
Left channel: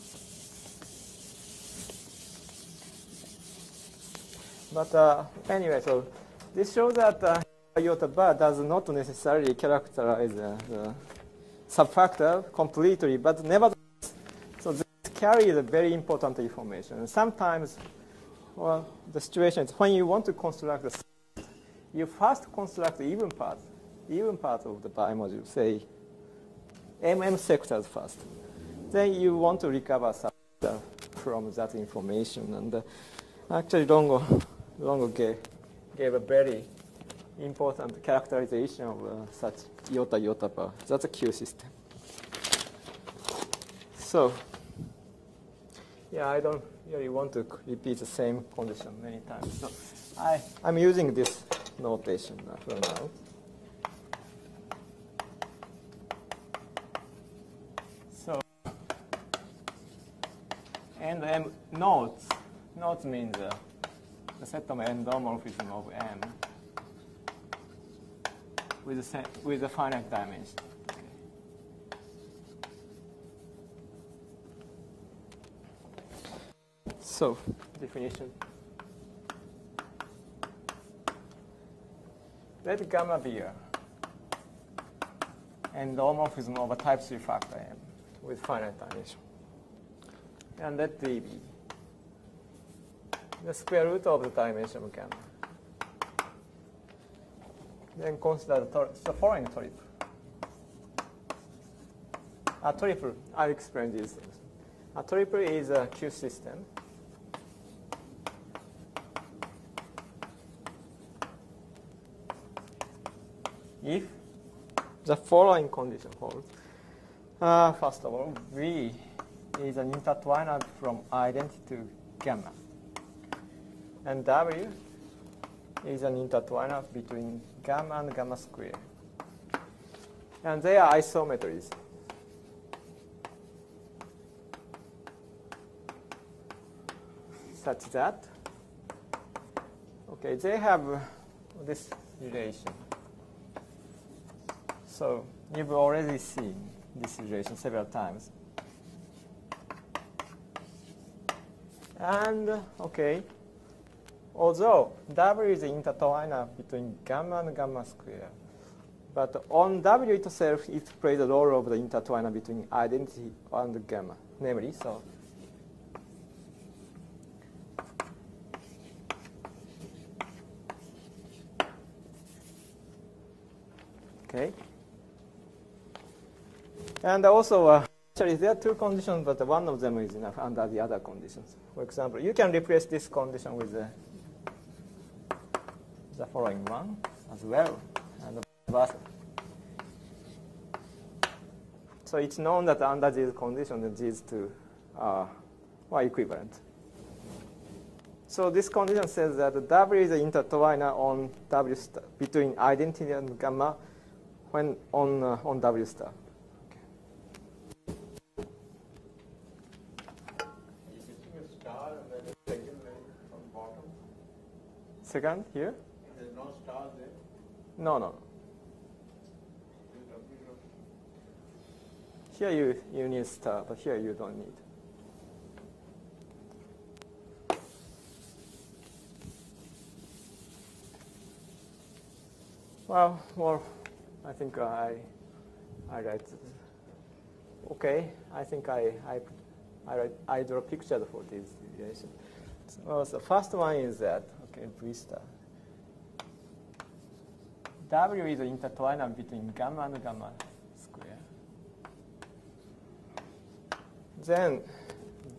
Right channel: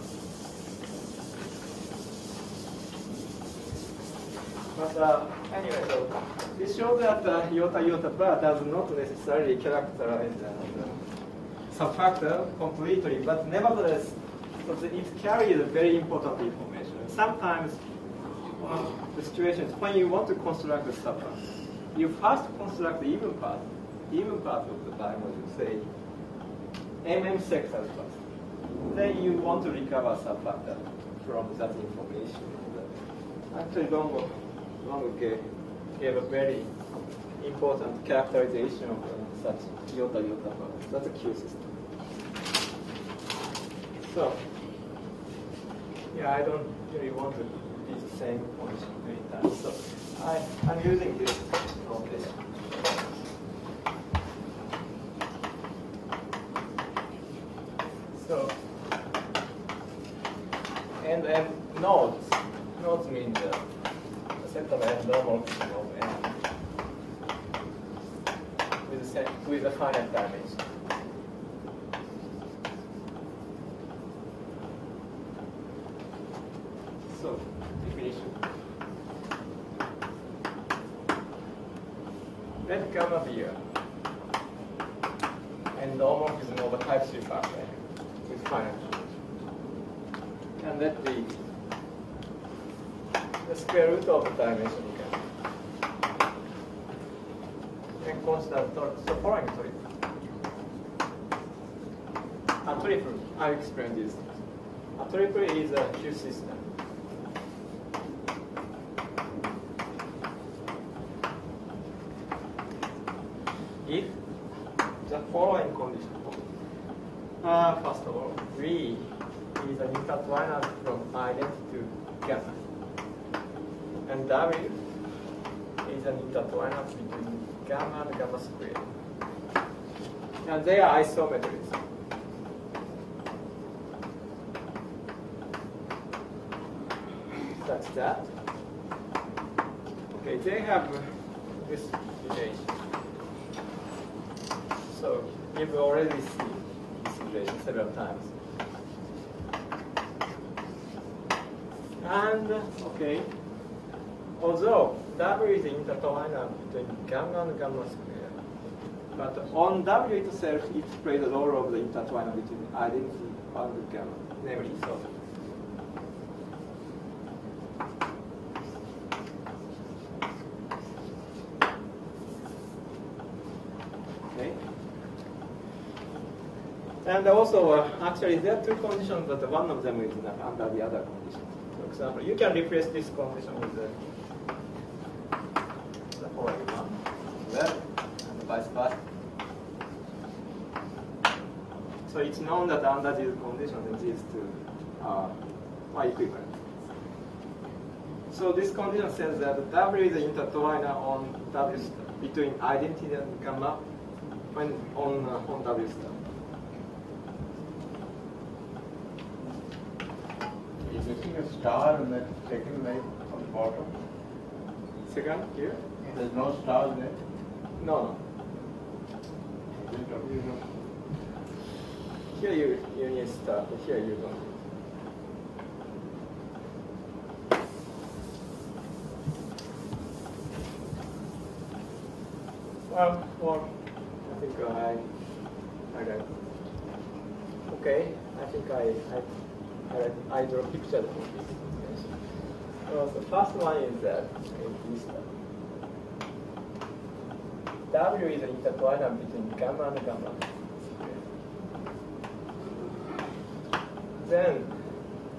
But anyway, so this shows that iota bar does not necessarily characterize the subfactor completely, but nevertheless, so it carries very important information. And sometimes, on the situations when you want to construct the subfactor, you first construct the even part of the bimodule, say MM sectors first. Then you want to recover subfactor from that information. And actually, Longo gave a very important characterization of such iota bar. That's a Q system. So, yeah, I don't really want to repeat the same point many times. So I'm using this notation. So, and nodes. Nodes means the set of endomorphism of n with a finite dimension. So, definition. Let gamma be an endomorphism of a type 3 factor with finite dimension. And let the square root of the dimension gamma. Then consider the following triple. A triple, I'll explain this. A triple is a Q system. If the following condition holds. First of all, V is an intertwiner from identity to gamma. And W is an intertwiner between gamma and gamma squared. And they are isometries. Such that, okay, they have this relation. So you've already seen this relation several times. And, okay, although W is the intertwiner between gamma and gamma squared, but on W itself, it plays the role of the intertwiner between identity and gamma, namely, so. And also, actually, there are two conditions, but one of them is not under the other conditions. For example, you can replace this condition with the following one as well, and vice versa. So it's known that under these conditions, these two are equivalent. So this condition says that W is the intertwiner on W star between identity and gamma when on W star. Is missing a star in that second line on the bottom? Second here? There's no star there? No. Is it W? Here you need star, but here you don't need. Well, I think I read. Okay, I think I draw pictures of this. Yes. So the first one is that this W is the intertwiner between gamma and gamma. Then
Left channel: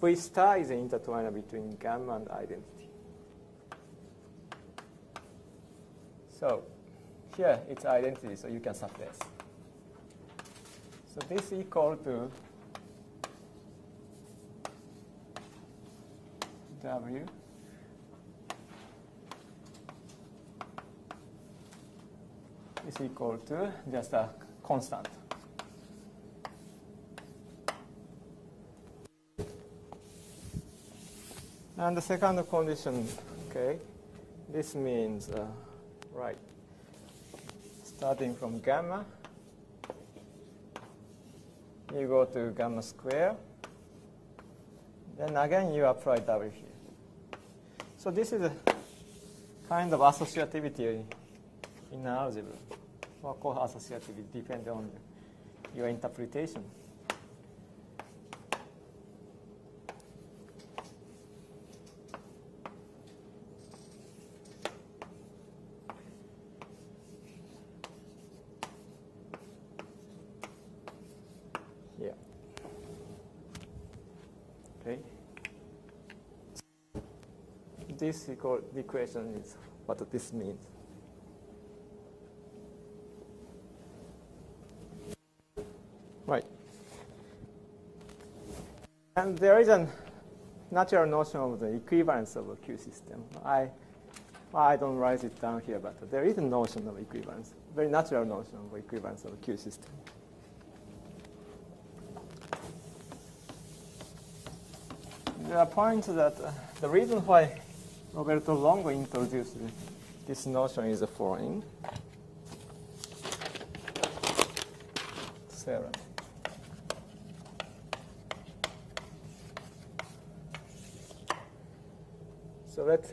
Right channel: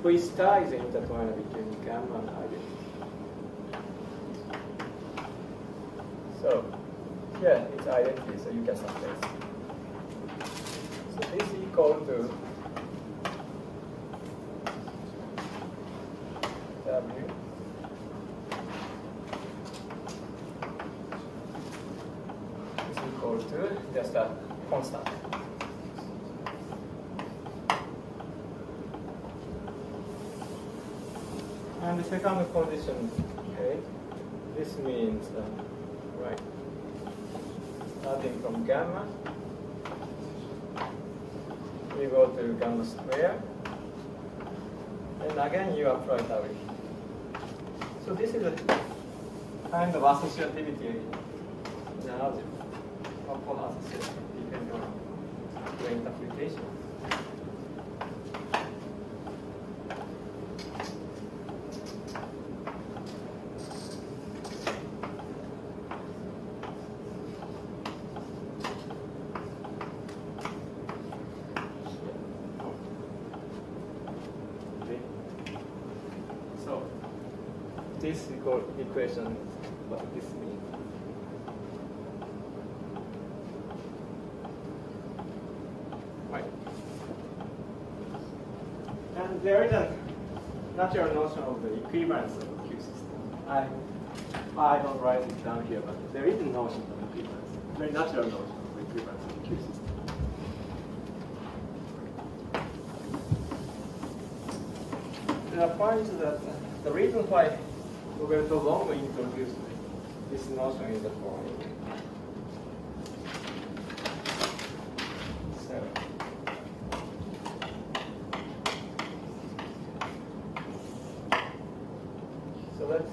V star is the intertwiner between gamma and identity. So here it's identity, so you can subtract. So this is equal to W is equal to just a constant. And the second condition, okay, this means, right, starting from gamma, we go to gamma square, and again you apply W. So this is a kind of associativity in algebra, one-pole associativity depending on your interpretation. This equation is what this means. Right. And there is a natural notion of the equivalence of a Q system. I don't write it down here, but there is a notion of equivalence, very natural notion of equivalence of a Q system. There are points that the reason why Roberto Longo introduced this notion is the following. So let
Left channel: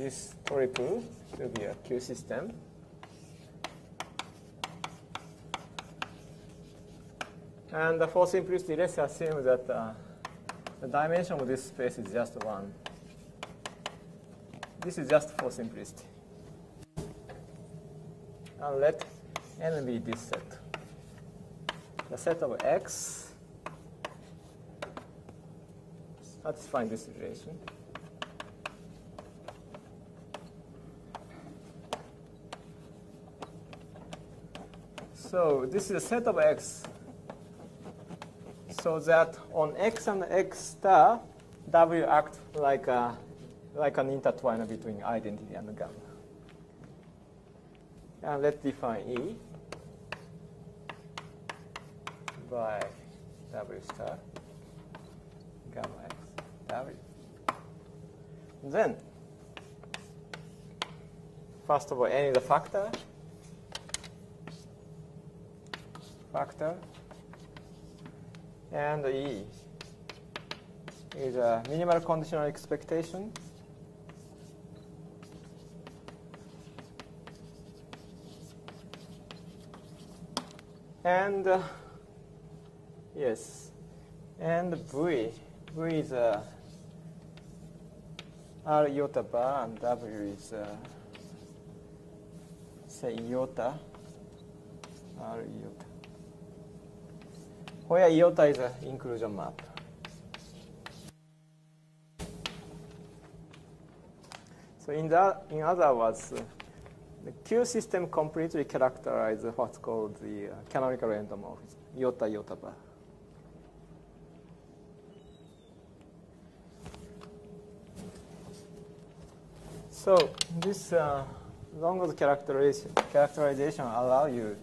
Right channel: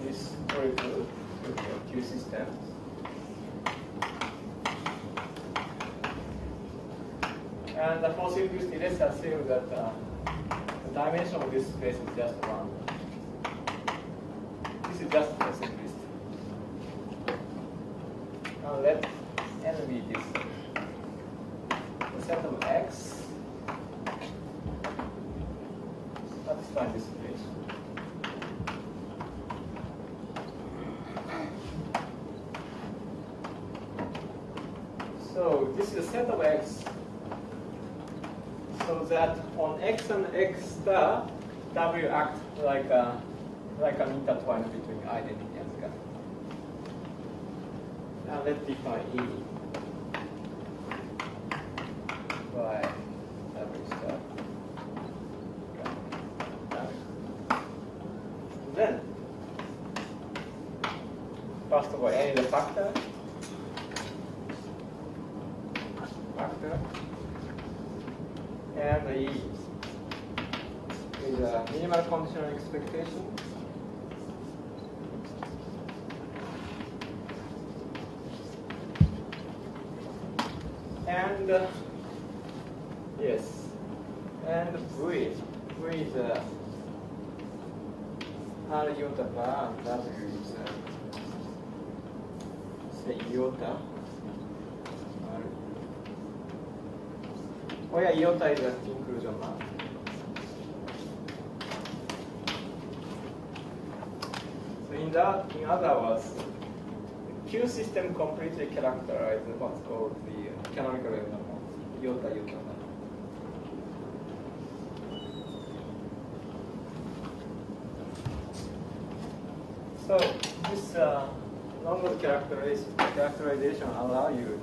this return to the Q system. And for simplicity, let's assume that the dimension of this space is just 1. This is just for simplicity. Now let N be this set. The set of X satisfy this equation. So this is a set of X so that on X and X star, W act like an intertwiner between identity and gamma. And let's define E by W star gamma. Then, first of all, A is a factor, and the E is a minimal conditional expectation. And yes, and V is R iota bar, and W is say iota R where iota is an inclusion map. So in other words, the Q system completely characterizes what's called the canonical endomorphism, iota type. So this London characterization allow you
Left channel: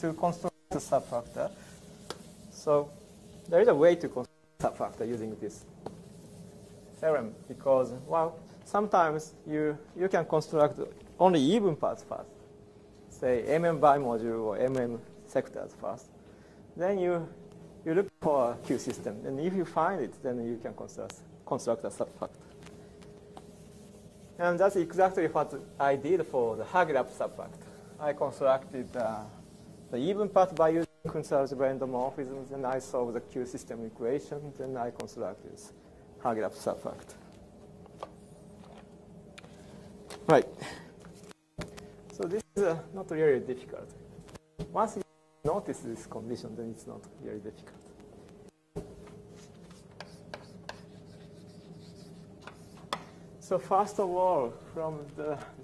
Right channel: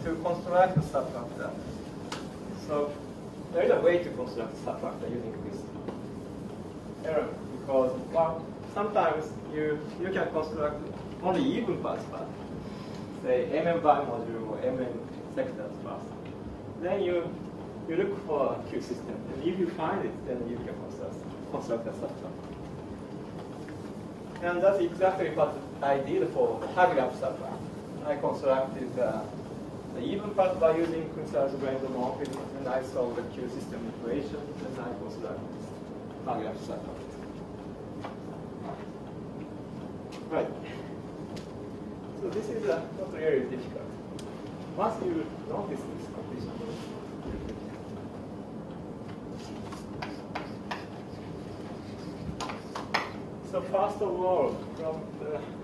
to construct a subfactor. So there is a way to construct subfactor using this theorem because, well, sometimes you can construct only even parts first, say mm bimodule or mm sectors first. Then you look for a Q system, and if you find it, then you can construct a subfactor. And that's exactly what I did for the Hagelap subfactor. I constructed the even part by using conservative endomorphism, and I solved the Q system equation, and I constructed this Hagelap subfactor. Right. So this is not really difficult. Once you notice this condition, then it's not very difficult. So first of all, from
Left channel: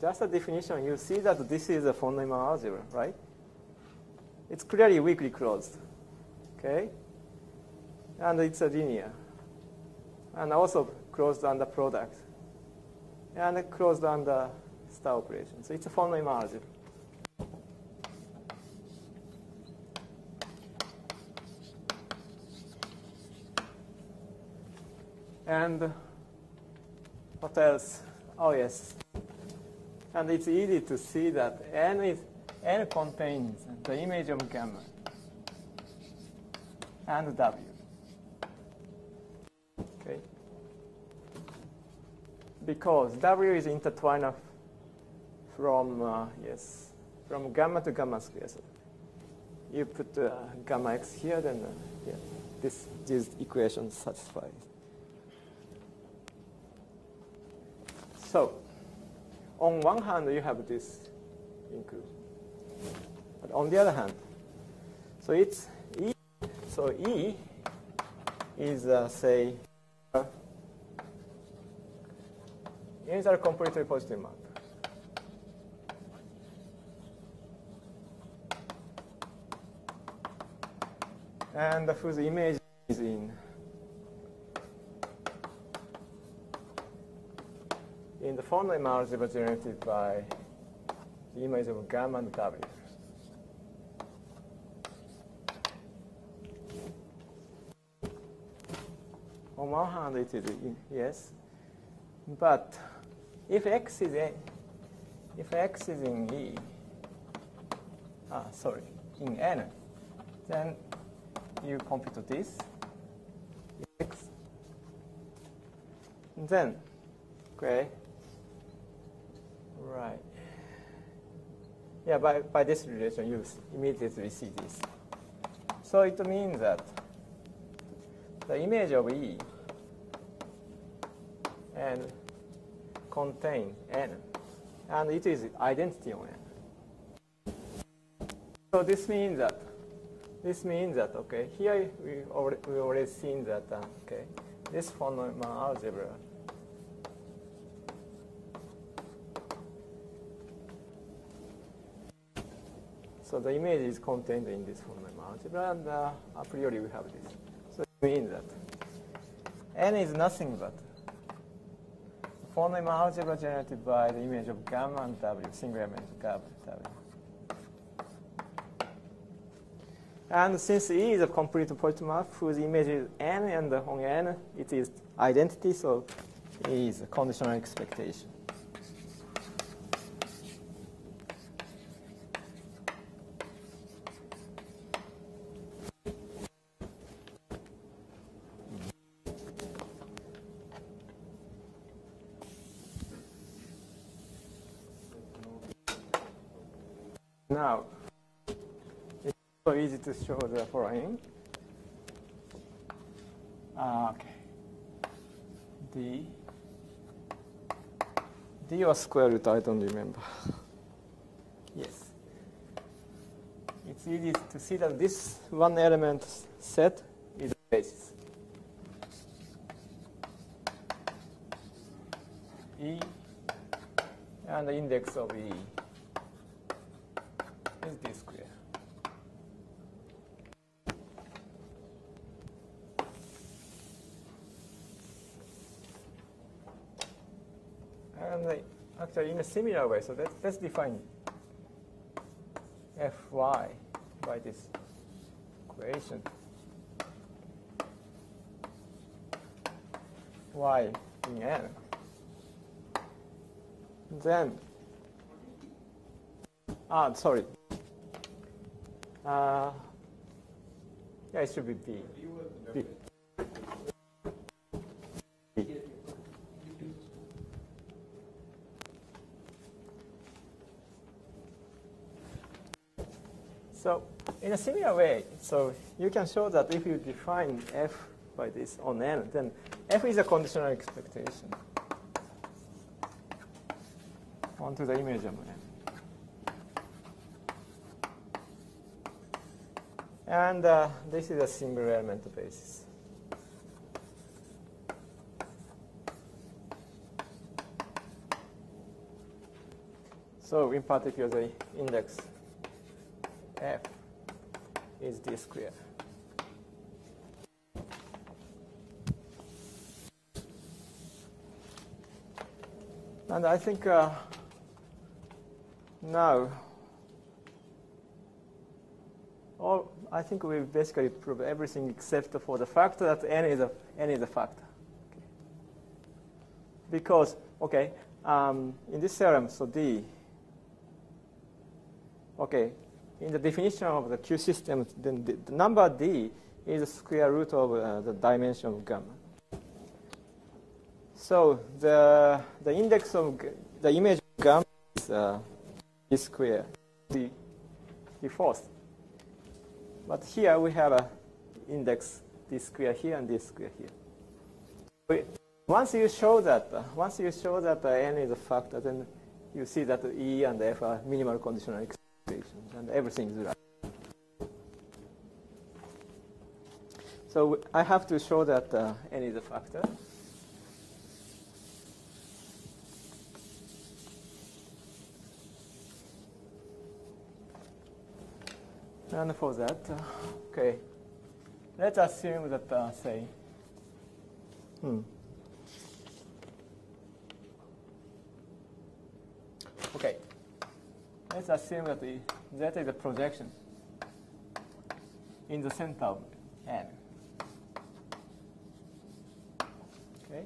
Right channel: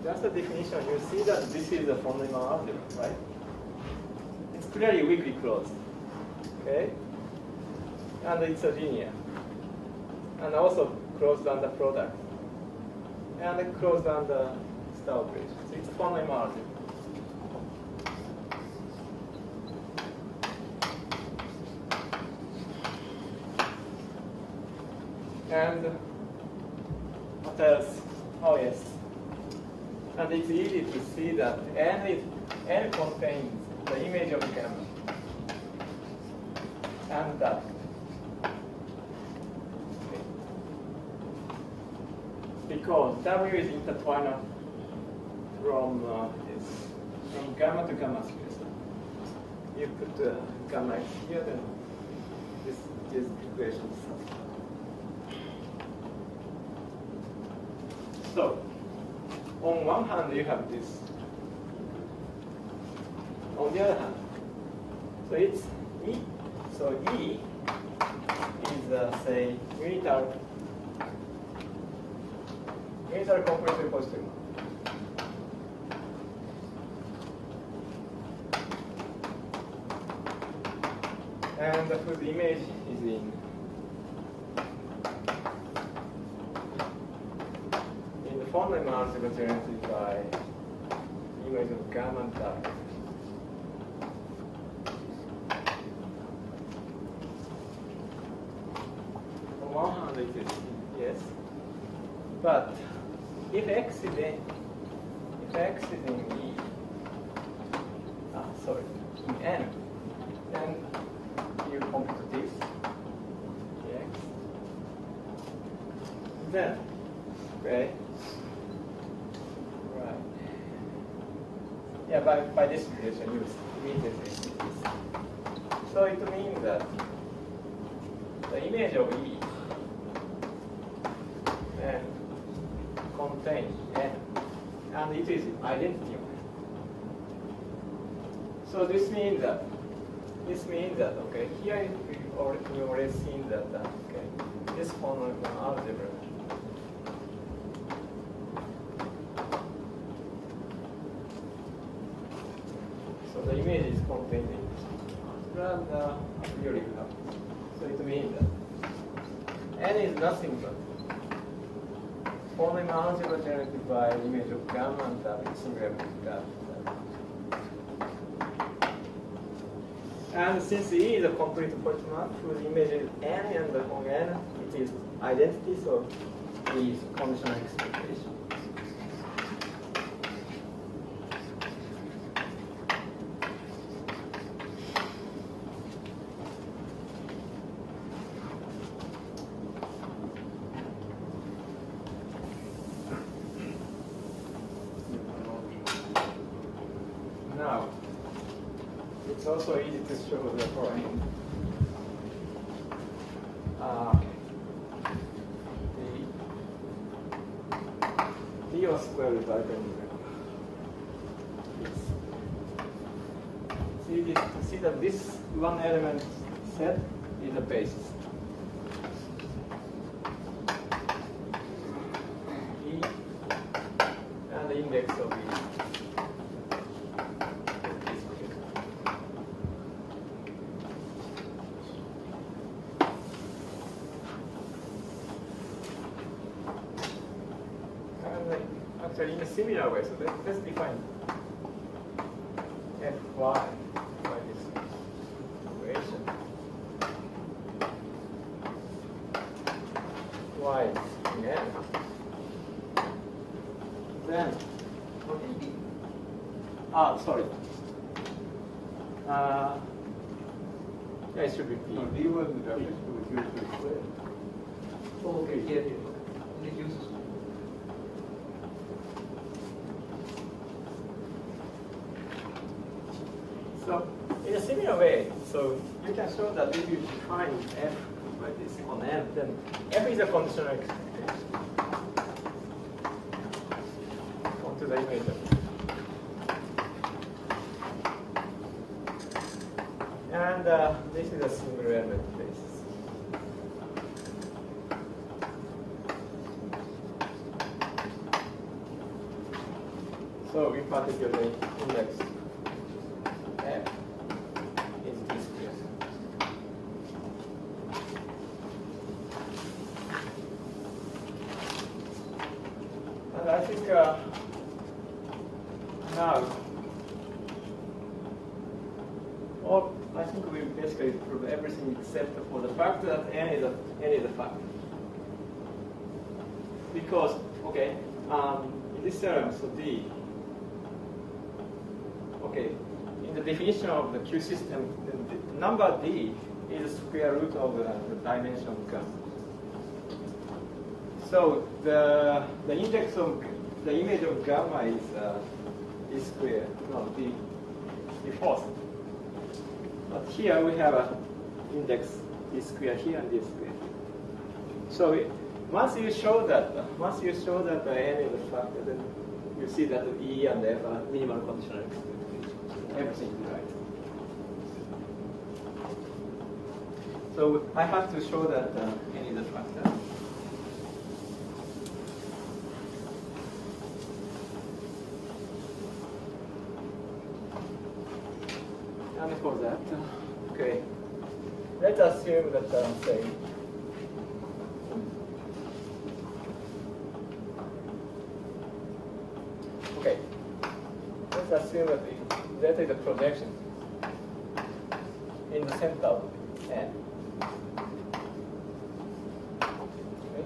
just the definition, you see that this is a von Neumann algebra, right? It's clearly weakly closed, okay? And it's a linear. And also closed under product. And it closed under star operation. So it's a von Neumann algebra. And what else? Oh yes. And it's easy to see that N contains the image of gamma and W. Okay. Because W is intertwined from gamma to gamma squares. You put gamma x here, then this equation is satisfied. So, on one hand, you have this. On the other hand, so it's E. So E is, say, unital completely positive map. And whose image is in the von Neumann algebra generated by the image of gamma and W. On one hand, it is yes, but if x is in E, in N, then you compute this x. Then, okay. Right. Yeah, by this relation, you immediately see this. So it means that the image of E can contain N, and it is identity on N. So this means that okay, here we already seen that okay, this von Neumann algebra. So the image is contained in this algebra, and a priori you have this. So it means that N is nothing but von Neumann algebra generated by the image of gamma and W, singular image of gamma and W. And since E is a complete point map whose image is N, and on N it is identity, so E is conditional expectation. Now, it's also easy to show the following. Okay. D was square root, I don't remember. Yes. It's easy to see that this one element set is a basis. E and the index of E is D squared. And actually in a similar way, so let's define Fy by this equation. Y in N. Then, What is D? sorry. It should be P. No, D was the definition of Q squared. Oh, okay, here. Only Q. So, in a similar way, so you can show that if you define F by this on N, then F is a conditional expectation onto the image of. And this is a single element basis. So in particular, the index F is D squared. And I think now, I think we basically prove everything except for the fact that N is a factor. Because, okay, in this theorem, so D, okay, in the definition of the Q system, then the number D is the square root of the dimension of gamma. So the index of the image of gamma is D squared, no, D fourth. But here we have an index D squared here and D squared here. So once you show that N is a factor, then you see that E and F are minimal conditional expectations. Everything is right. So I have to show that N is a factor. And for that, okay, let's assume that say, okay, let's assume that Z is a projection in the center of N. Okay,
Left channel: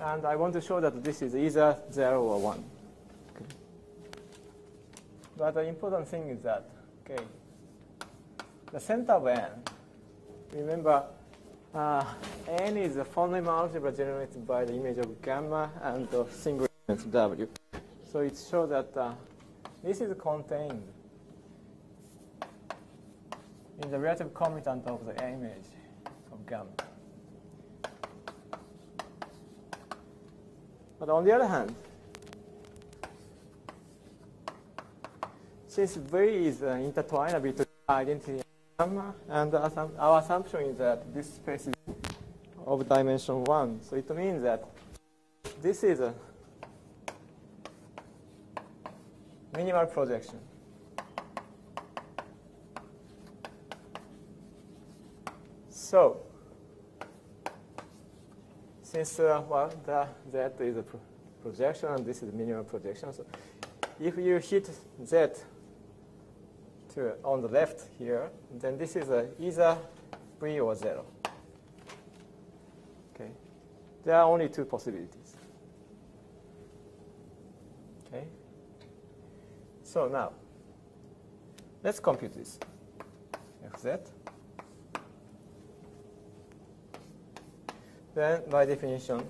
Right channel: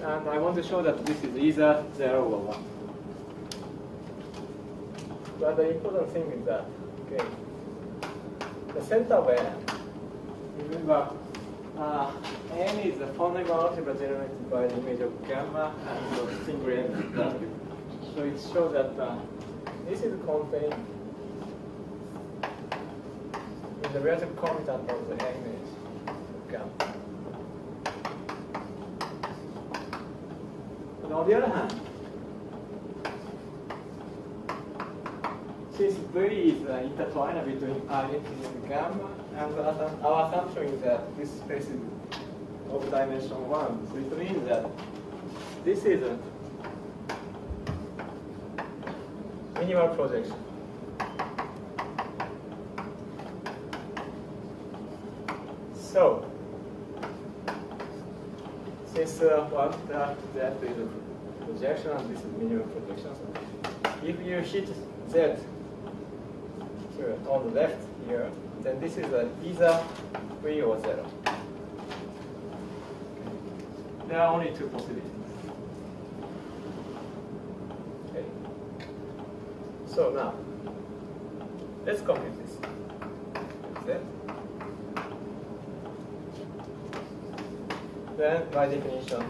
and I want to show that this is either 0 or 1. But the important thing is that, okay, the center of N, remember, N is a fundamental algebra generated by the image of gamma and the single element W. So it shows that this is contained in the relative commutant of the image of gamma. But on the other hand, since V is intertwined between identity and gamma, and our assumption is that this space is of dimension 1, so it means that this is a minimal projection. So, since that is a projection and this is minimal projection, so if you hit Z on the left here, then this is either 3 or 0. Okay. There are only two possibilities. Okay. So now, let's compute this. Z. Then, by definition,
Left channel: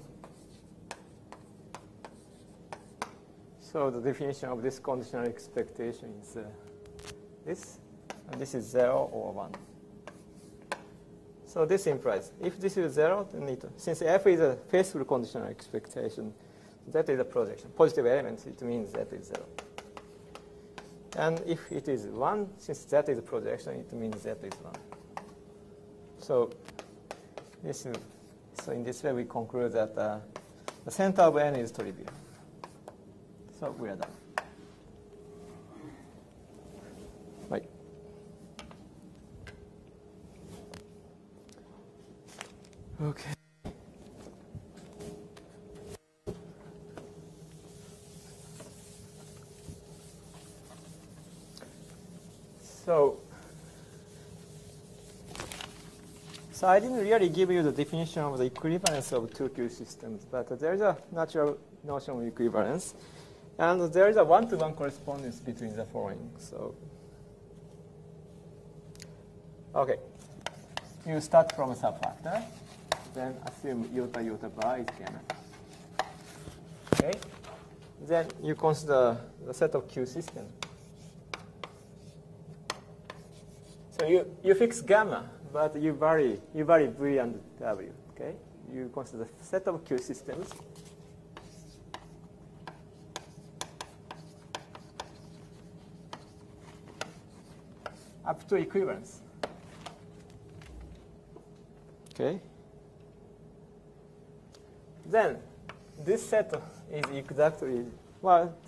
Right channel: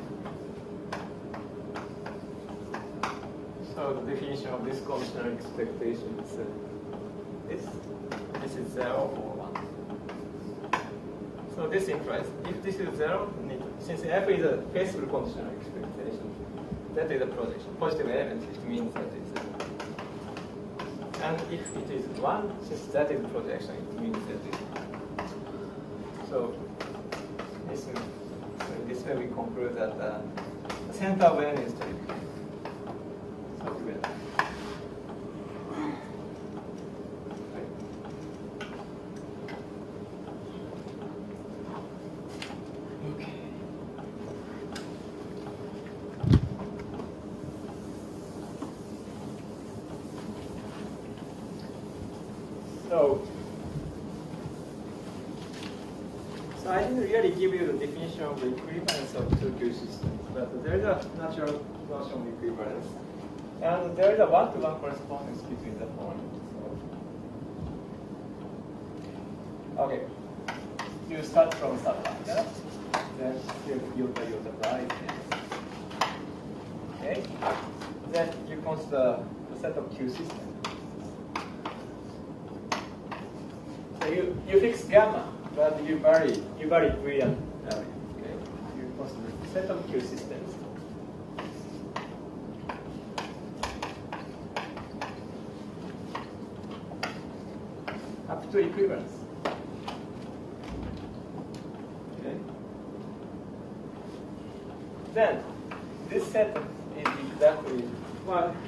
so the definition of this conditional expectation is this is 0 or 1. So this implies if this is 0, since F is a faithful conditional expectation, that is a projection. Positive elements, it means that is 0. And if it is 1, since that is a projection, it means that is 1. So in this way we conclude that the center of n is trivial. So clear that. Right. Okay. So I didn't really give you the definition of the equivalence of two Q systems, but there is a natural notion of equivalence, and there is a one-to-one correspondence between the following. So, okay, you start from subfactor, then assume iota pi. Okay, then you consider the set of Q systems. So you fix gamma. But you vary V and W. Okay, you consider a set of Q systems. Up to equivalence. Okay. Then this set is exactly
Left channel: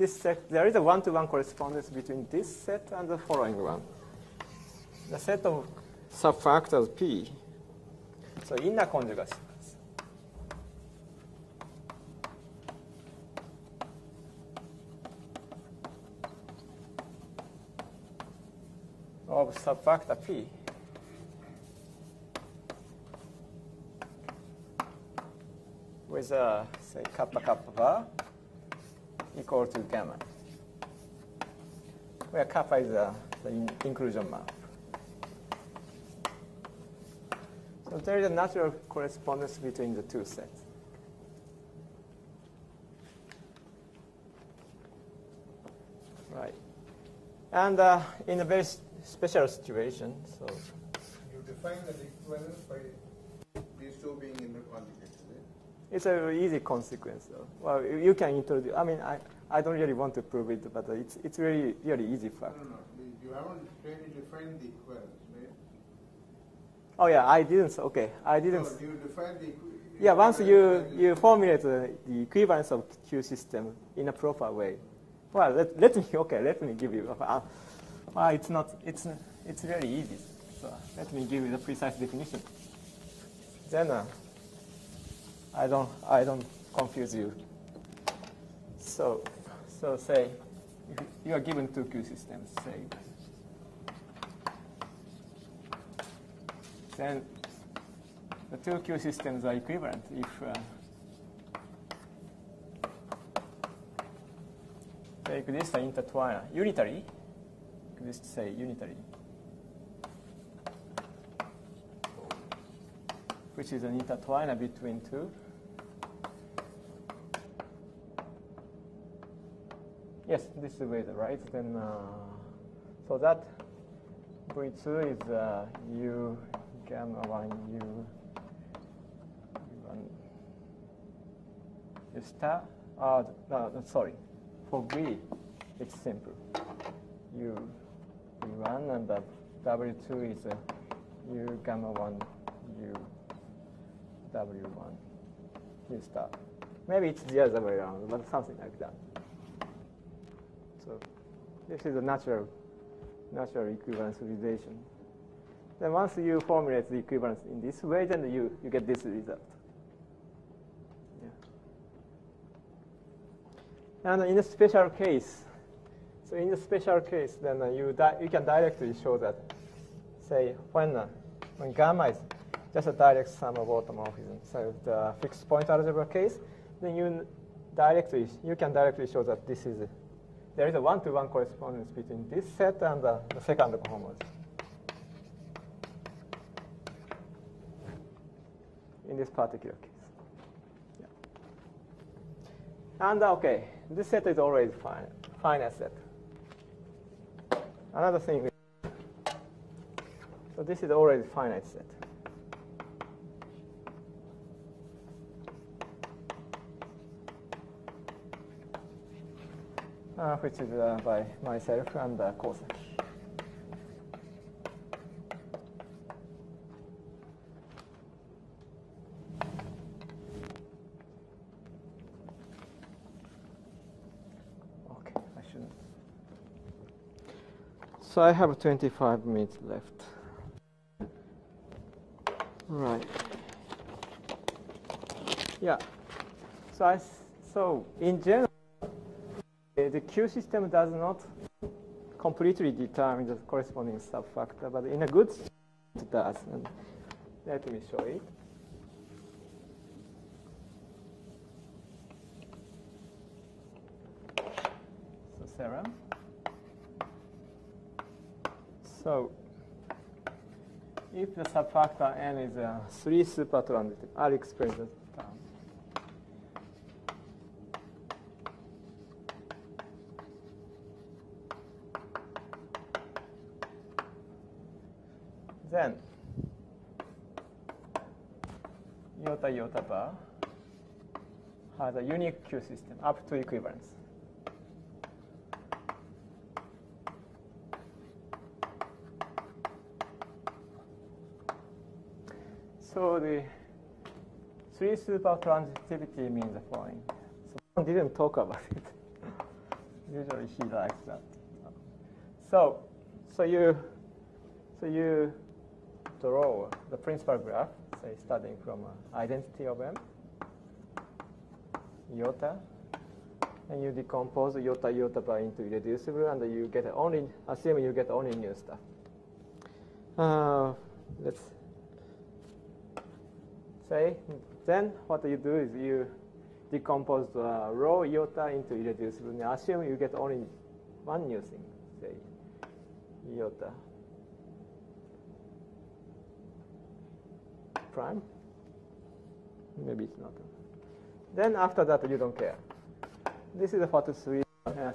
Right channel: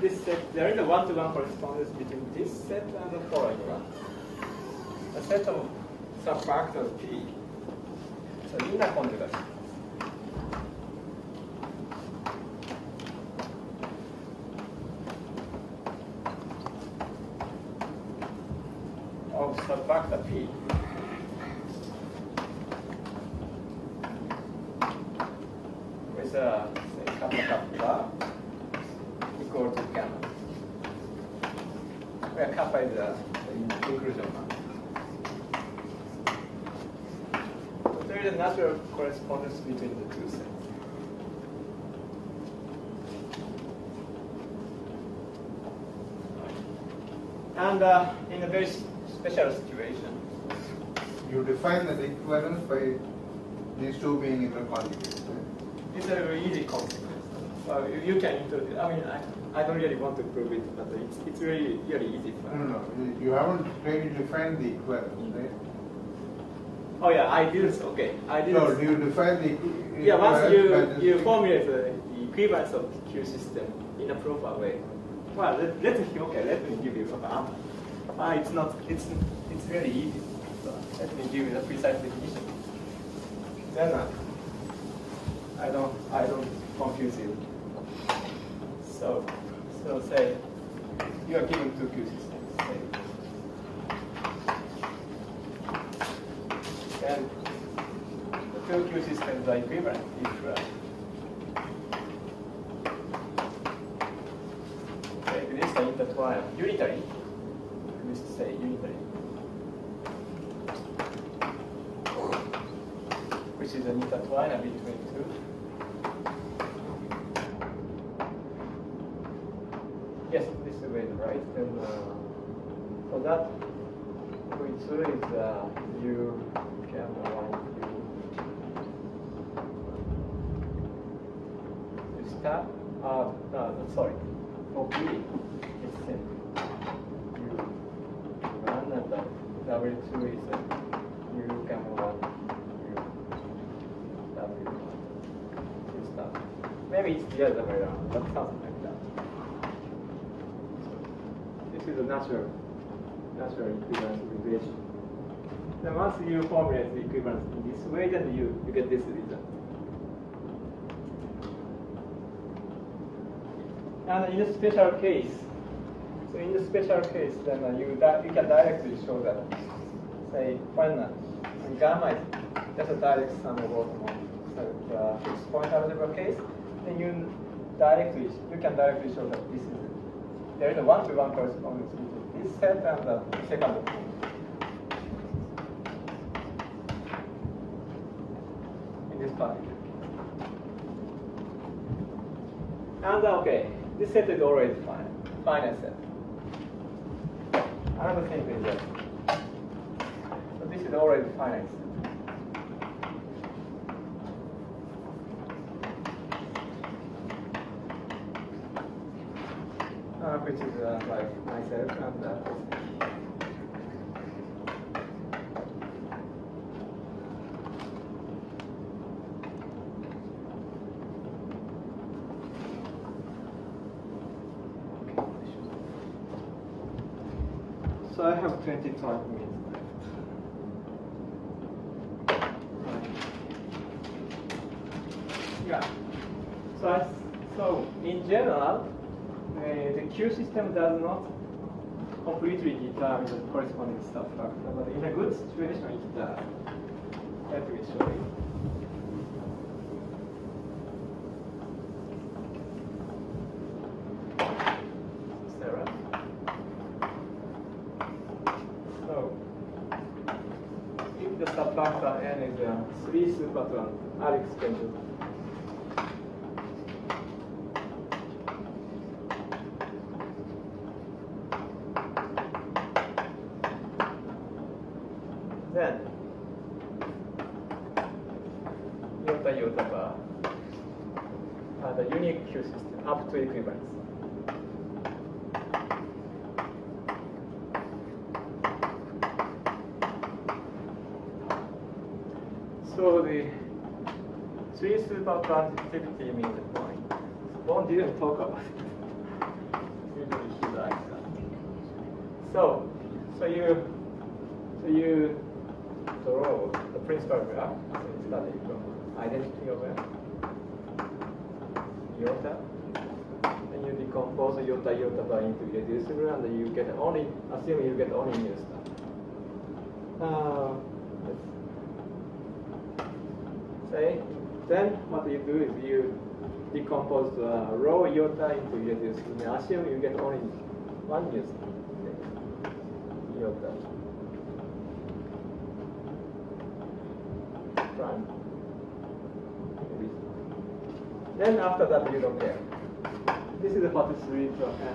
this set. There is a one-to-one correspondence between this set and the following one. The set of subfactors P. So inner conjugate of subfactor P with say kappa kappa equal to gamma, where kappa is the inclusion mark. There is a natural correspondence between the two sets. Right. And in a very special situation, so you define the equivalence by these two being inner conjugates. Right? It's a very easy consequence. Well, you can introduce. I mean, I don't really want to prove it, but it's really easy for. No, you haven't really defined the equivalence, right? Oh yeah, ideals. Okay, ideals. No, do you define the? Yeah, once you formulate the equivalence of Q system in a proper way. Well, let me give you. It's very easy. So let me give you the precise definition. Then I don't confuse you. So say you are given two Q systems. Say. And the two Q systems are equivalent if take this and intertwine unitary. This is say unitary, which is an intertwiner between two. Yes, this is way the right. Then so that V2 is U gamma line U. This tab. Sorry. For B, it's simple. U1 and W2 is U gamma 1 U W1. This tab. Maybe it's the other way around, but something like that. So this is a natural equivalence relation. Then once you formulate the equivalence in this way, then you get this result. And in a special case, then you can directly show that, say, when gamma is just a direct sum of orthonorms, so the fixed point algebra case, then you can directly show that there is a one-to-one correspondence between this set and the second element. In this particular case. And okay, this set is already finite set. Another thing is that, so this is already finite set. Which is by myself and course. So I have 25 minutes left. Right. Yeah. So in general, the Q system does not completely determine the corresponding subfactor, but in a good situation it does. Let me show you. Sarah. So if the subfactor n is 3 supertransit, I'll explain this. Then iota bar are the unique Q system up to equivalence. So the 3 supertransitivity means the point. So one didn't talk about it. Usually he likes that. So you draw the principal graph. So it's starting from identity of iota. And you decompose iota bar into irreducible, and you get only, assuming you get only new stuff. Let's say, then what you do is you decompose raw iota into irreducible. Now assume you get only one new stuff. Okay. Iota. Prime. Maybe it's not. Then after that we don't care. This is what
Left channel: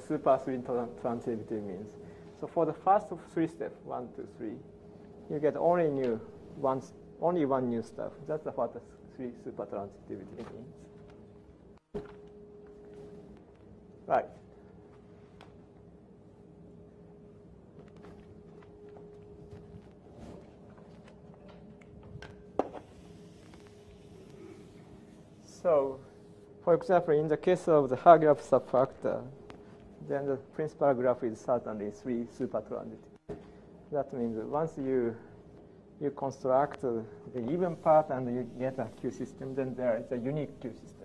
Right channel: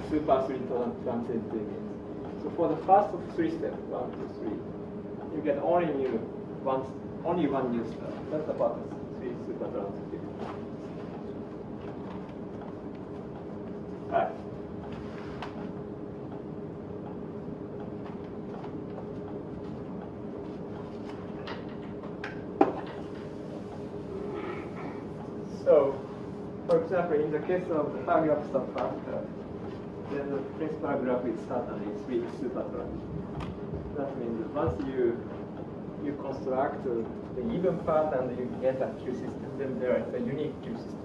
super 3 transitivity means. So for the first 3 steps, 1, 2, 3, you get only one new step. That's what the 3 super transitivity means. Right. So, for example, in the case of the Hagraph subfactor, then the principal graph is certainly 3 supertransit. That means that once you construct the even part and you get a Q system, then there is a unique Q system.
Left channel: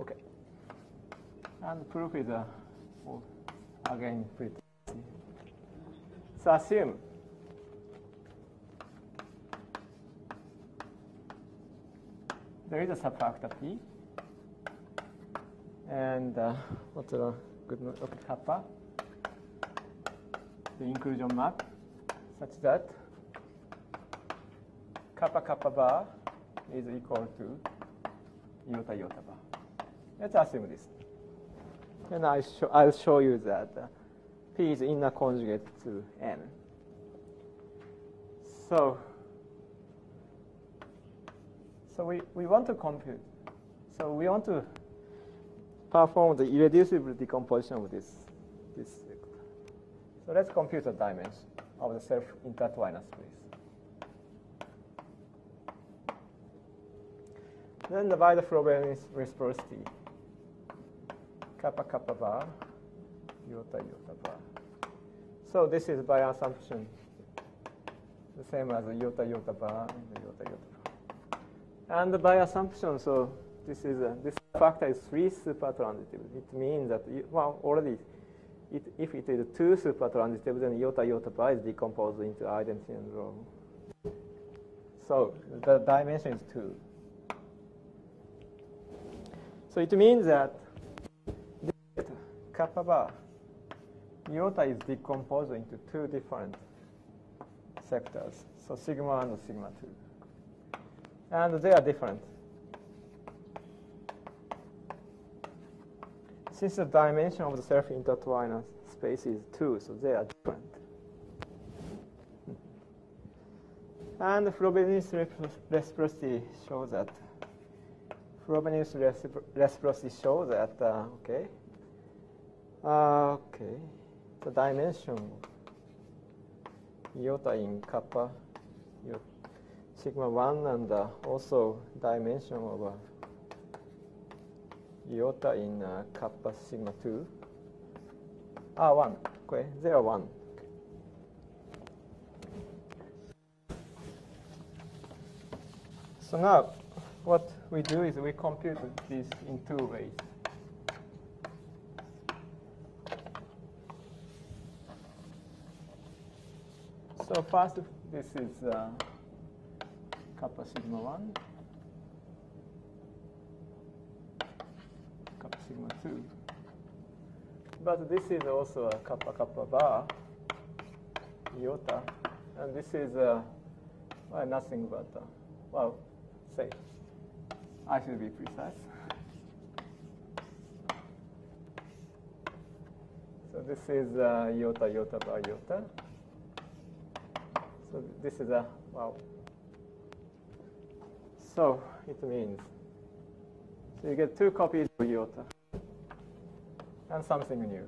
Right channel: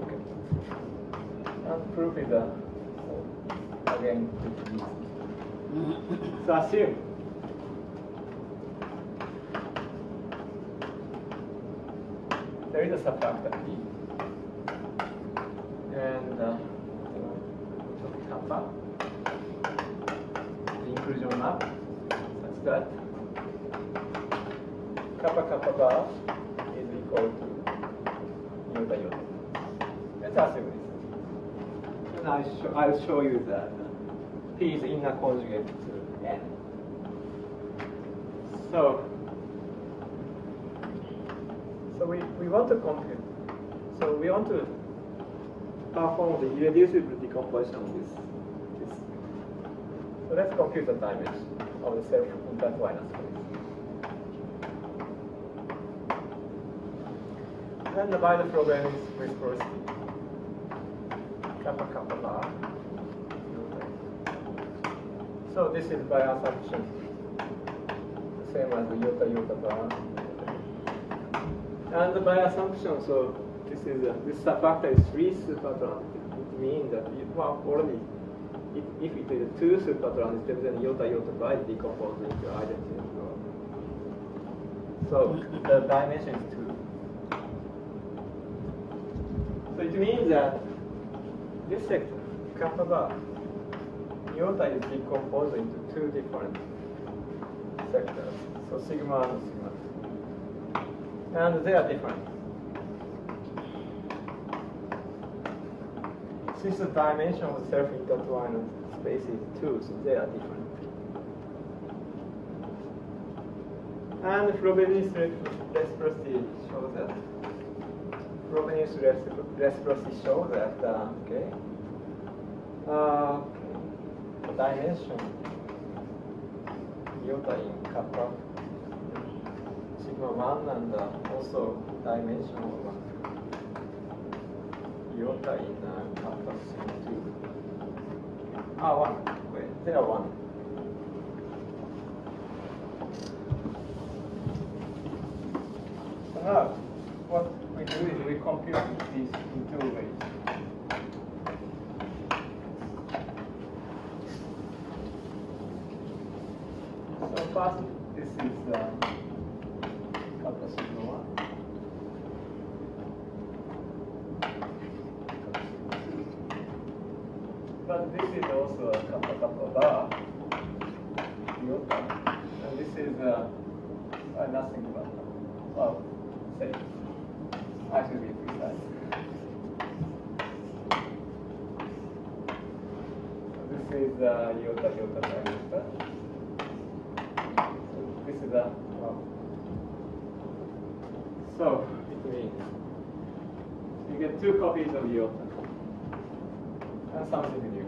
Okay. And proof is again. So assume there is a subfactor P, and what's a good note of kappa, the inclusion map, such that kappa bar is equal to iota. Let's assume this. And I'll show you that P is inner conjugate to N. So we want to compute. So we want to perform the irreducible decomposition of this. So let's compute the dimension of the self-intertwined space. Then by the problem is reciprocity. Kappa bar. So this is by assumption the same as the iota bar. And by assumption, so this subfactor is 3 supertransitive. It means that if it is 2 supertransitive, then iota bar is decomposed into identity and norm. So the dimension is 2. So it means that this sector, kappa bar, iota is decomposed into 2 different sectors. So sigma and sigma 2. And they are different. Since the dimension of the self-intertwined space is 2, so they are different. And Frobenius reciprocity shows that. The dimension iota in kappa sigma 1 and also dimension of iota in kappa sigma 2. Ah, 1. Okay, 0, 1. So now, what we do is we compute this in two ways. So first, this is kappa sigma 1. Kappa sigma 2. But this is also a kappa kappa bar iota. And this is nothing but, well, say, I should be precise. So this is iota iota by iota. So this is a, so it means, so you get two copies of iota and something new.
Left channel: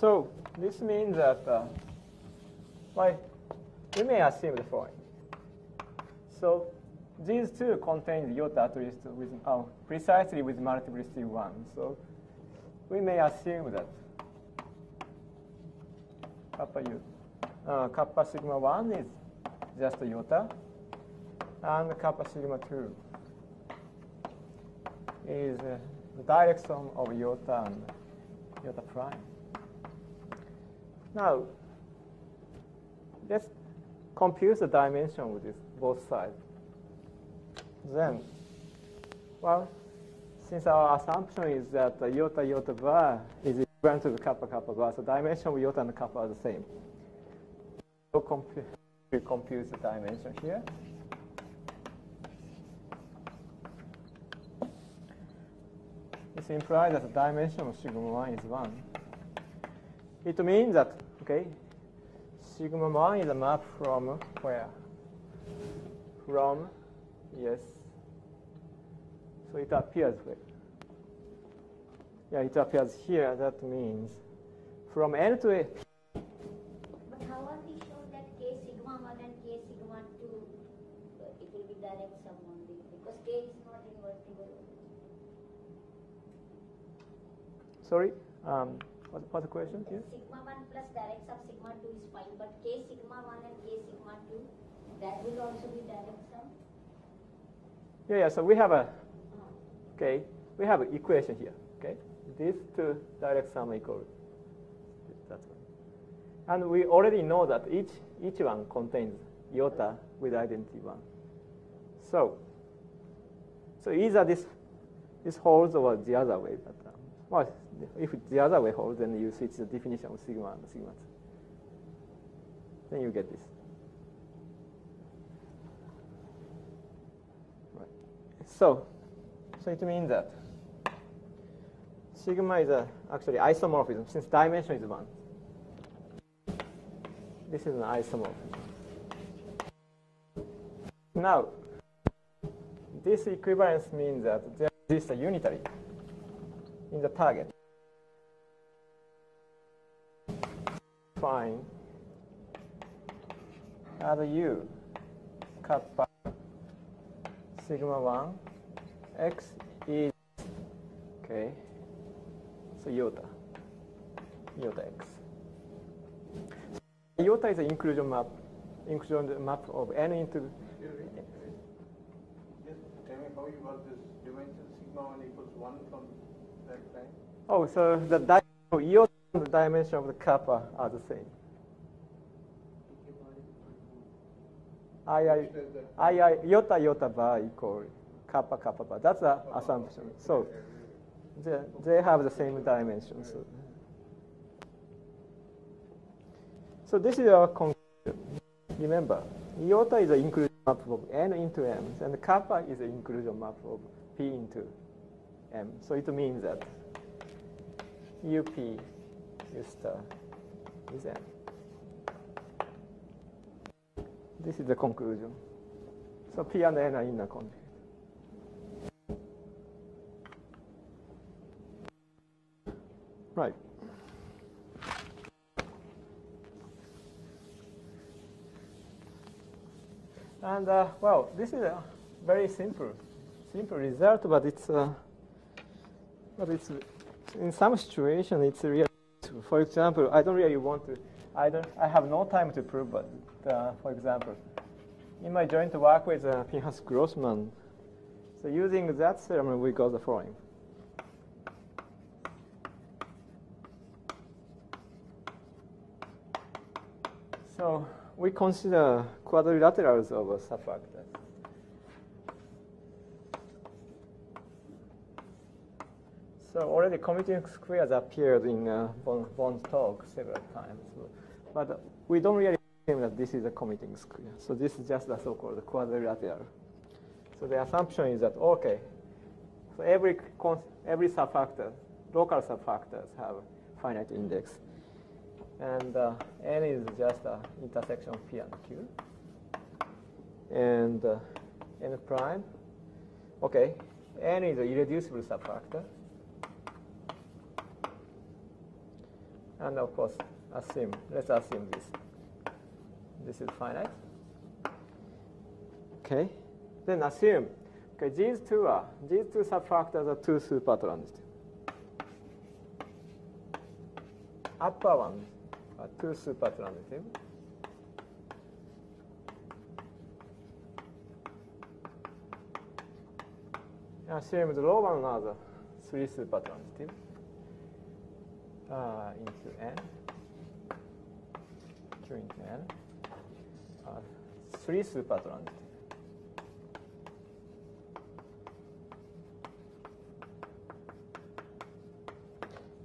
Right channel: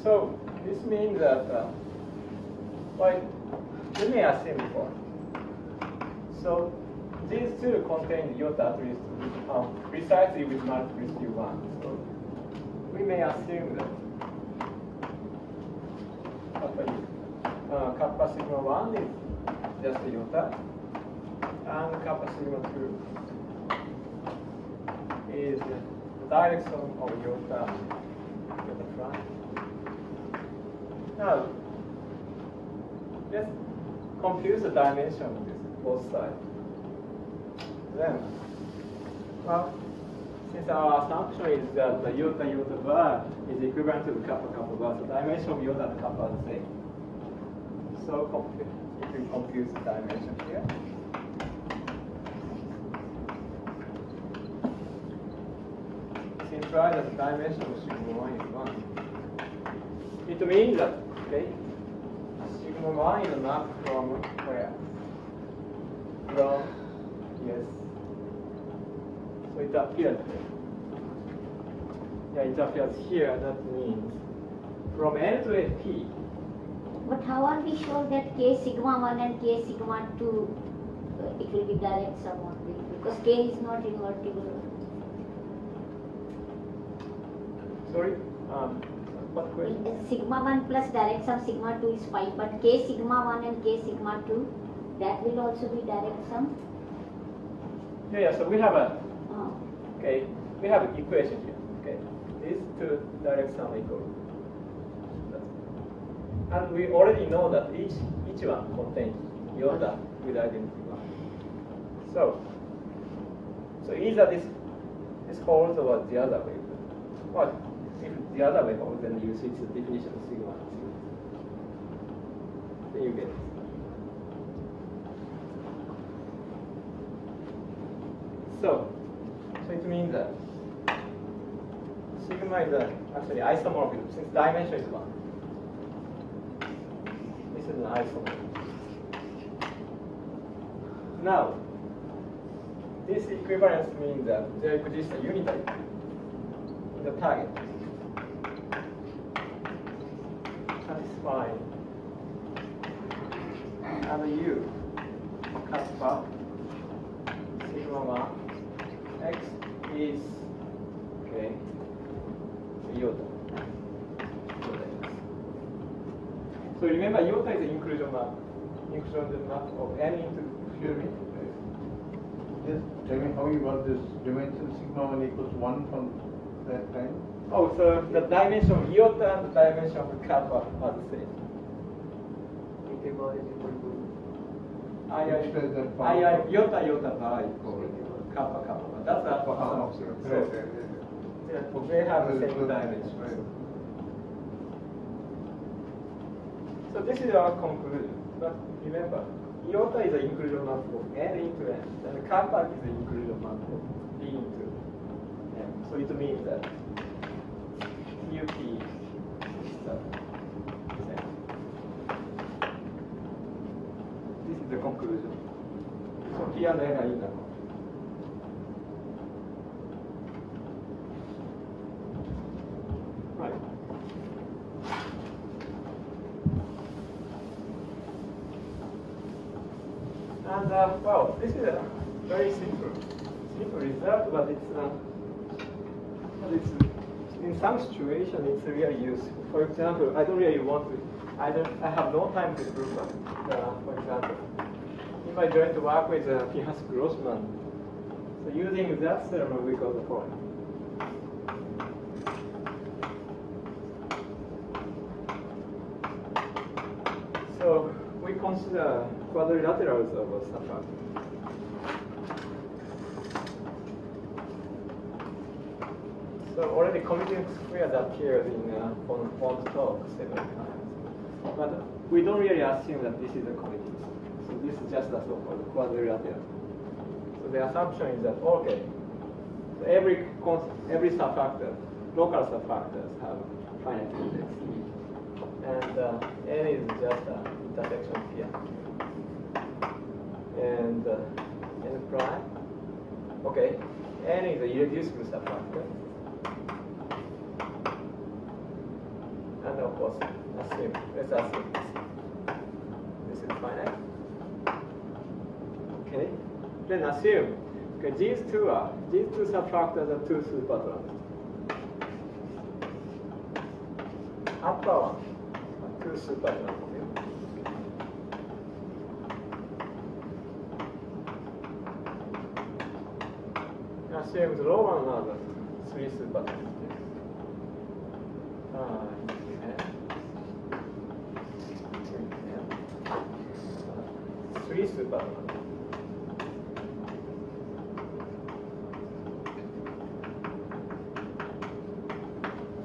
So this means that, like we may have seen before. So these two contain iota at least precisely with multiplicity 1. So we may assume that kappa sigma 1 is just a iota, and kappa sigma 2 is the direction of iota and iota prime. Now, let's compute the dimension of this both sides. Then, well, since our assumption is that the iota iota bar is equivalent to the kappa kappa bar, the dimension of iota and kappa are the same. So if we compute the dimension here, this implies that the dimension of sigma 1 is 1. It means that, okay, sigma 1 is a map from where? From, yes. So it appears there. Yeah, it appears here. That means from N to P. But how are we sure that k sigma 1 and k sigma 2 it will be direct sum only? Because k is not invertible. Sorry? What question? Sigma 1 plus direct sum sigma 2 is 5, but k sigma 1 and k sigma 2, that will also be direct sum? Yeah, so we have a, Oh. okay, we have an equation here, okay? These two direct sum equal. And we already know that each one contains iota with identity 1. So either this holds or the other way. Well, if the other way holds, then you switch the definition of sigma and sigma 2. Then you get this. So it means that sigma is actually isomorphism since dimension is 1. This is an isomorphism. Now, this equivalence means that there exists a unitary in the target. That's fine. And U kappa sigma 1 x is okay. So iota x. So remember, iota is an inclusion map of n into Excuse me. Just tell me how you got this dimension sigma 1 equals 1 from that time? Oh, so the dimension of iota and the dimension of the kappa are the same. K bar is equal to Iota bar equal kappa kappa bar. That's that one assumption. So they have the same dimension. So this is our conclusion. But remember, iota is an inclusion map of n into n, and the kappa is an inclusion map of p into n. So it means that UP is n. This is the conclusion. So p and n are equal. Right. And well, this is a very simple result, but it's in some situation it's really useful. For example, I don't really want to. I have no time to prove it. For example, in my direct work with Pinhas Grossman, so using that theorem, we got the following. So we consider quadrilaterals of a subfactor. So already commuting squares appeared in one talk several times. But we don't really assume that this is a commuting square. So this is just a so-called quadrilateral. So the assumption is that, okay, so every subfactor, local subfactors have finite index E. And N is just an intersection of P and Q. And N prime, okay, N is a irreducible subfactor. And of course, let's assume this is finite. Okay, then assume, okay, these two subfactors are two supertransitive. Upper one are two supertransitive. Assume the lower one are the three supertransitive. Three supertransitive.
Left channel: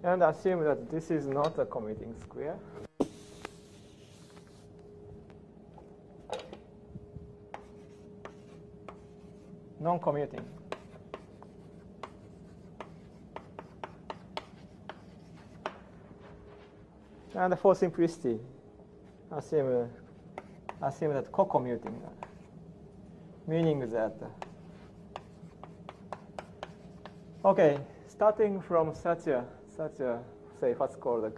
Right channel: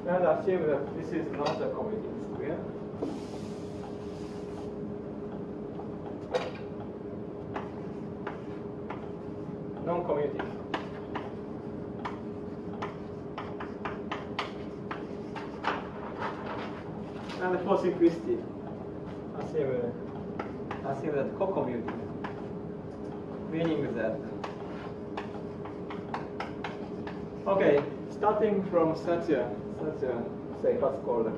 And assume that this is not a commuting square. Non-commuting. And for simplicity, assume that co-commuting, meaning that, okay, starting from such a say what's called a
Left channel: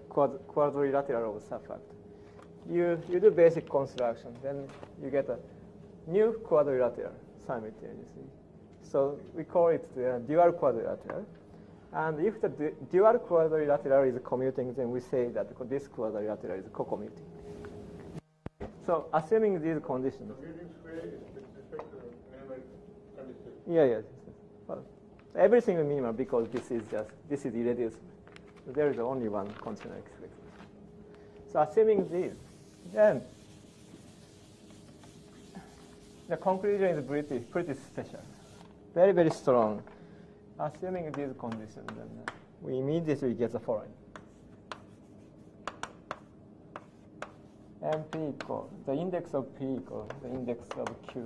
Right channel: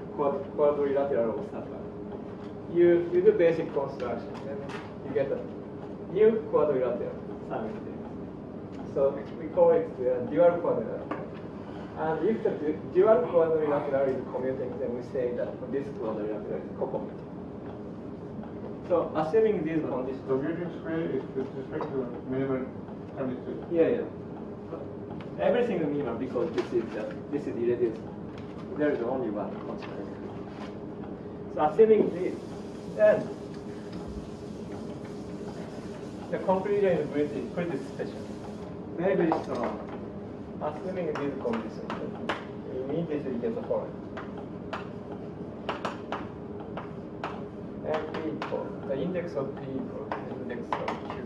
quadrilateral subfactor, you do basic construction, then you get a new quadrilateral simultaneously. So we call it the dual quadrilateral. And if the dual quadrilateral is commuting, then we say that this quadrilateral is co-commuting. So assuming these conditions. The commuting square is with respect to minimal condition. Yeah. But everything is minimal because this is irreducible. There is only one constant. So assuming this, then the conclusion is pretty special. Very, very strong. Assuming these conditions, we immediately get the following. And P equals, the index of P equals the index of Q.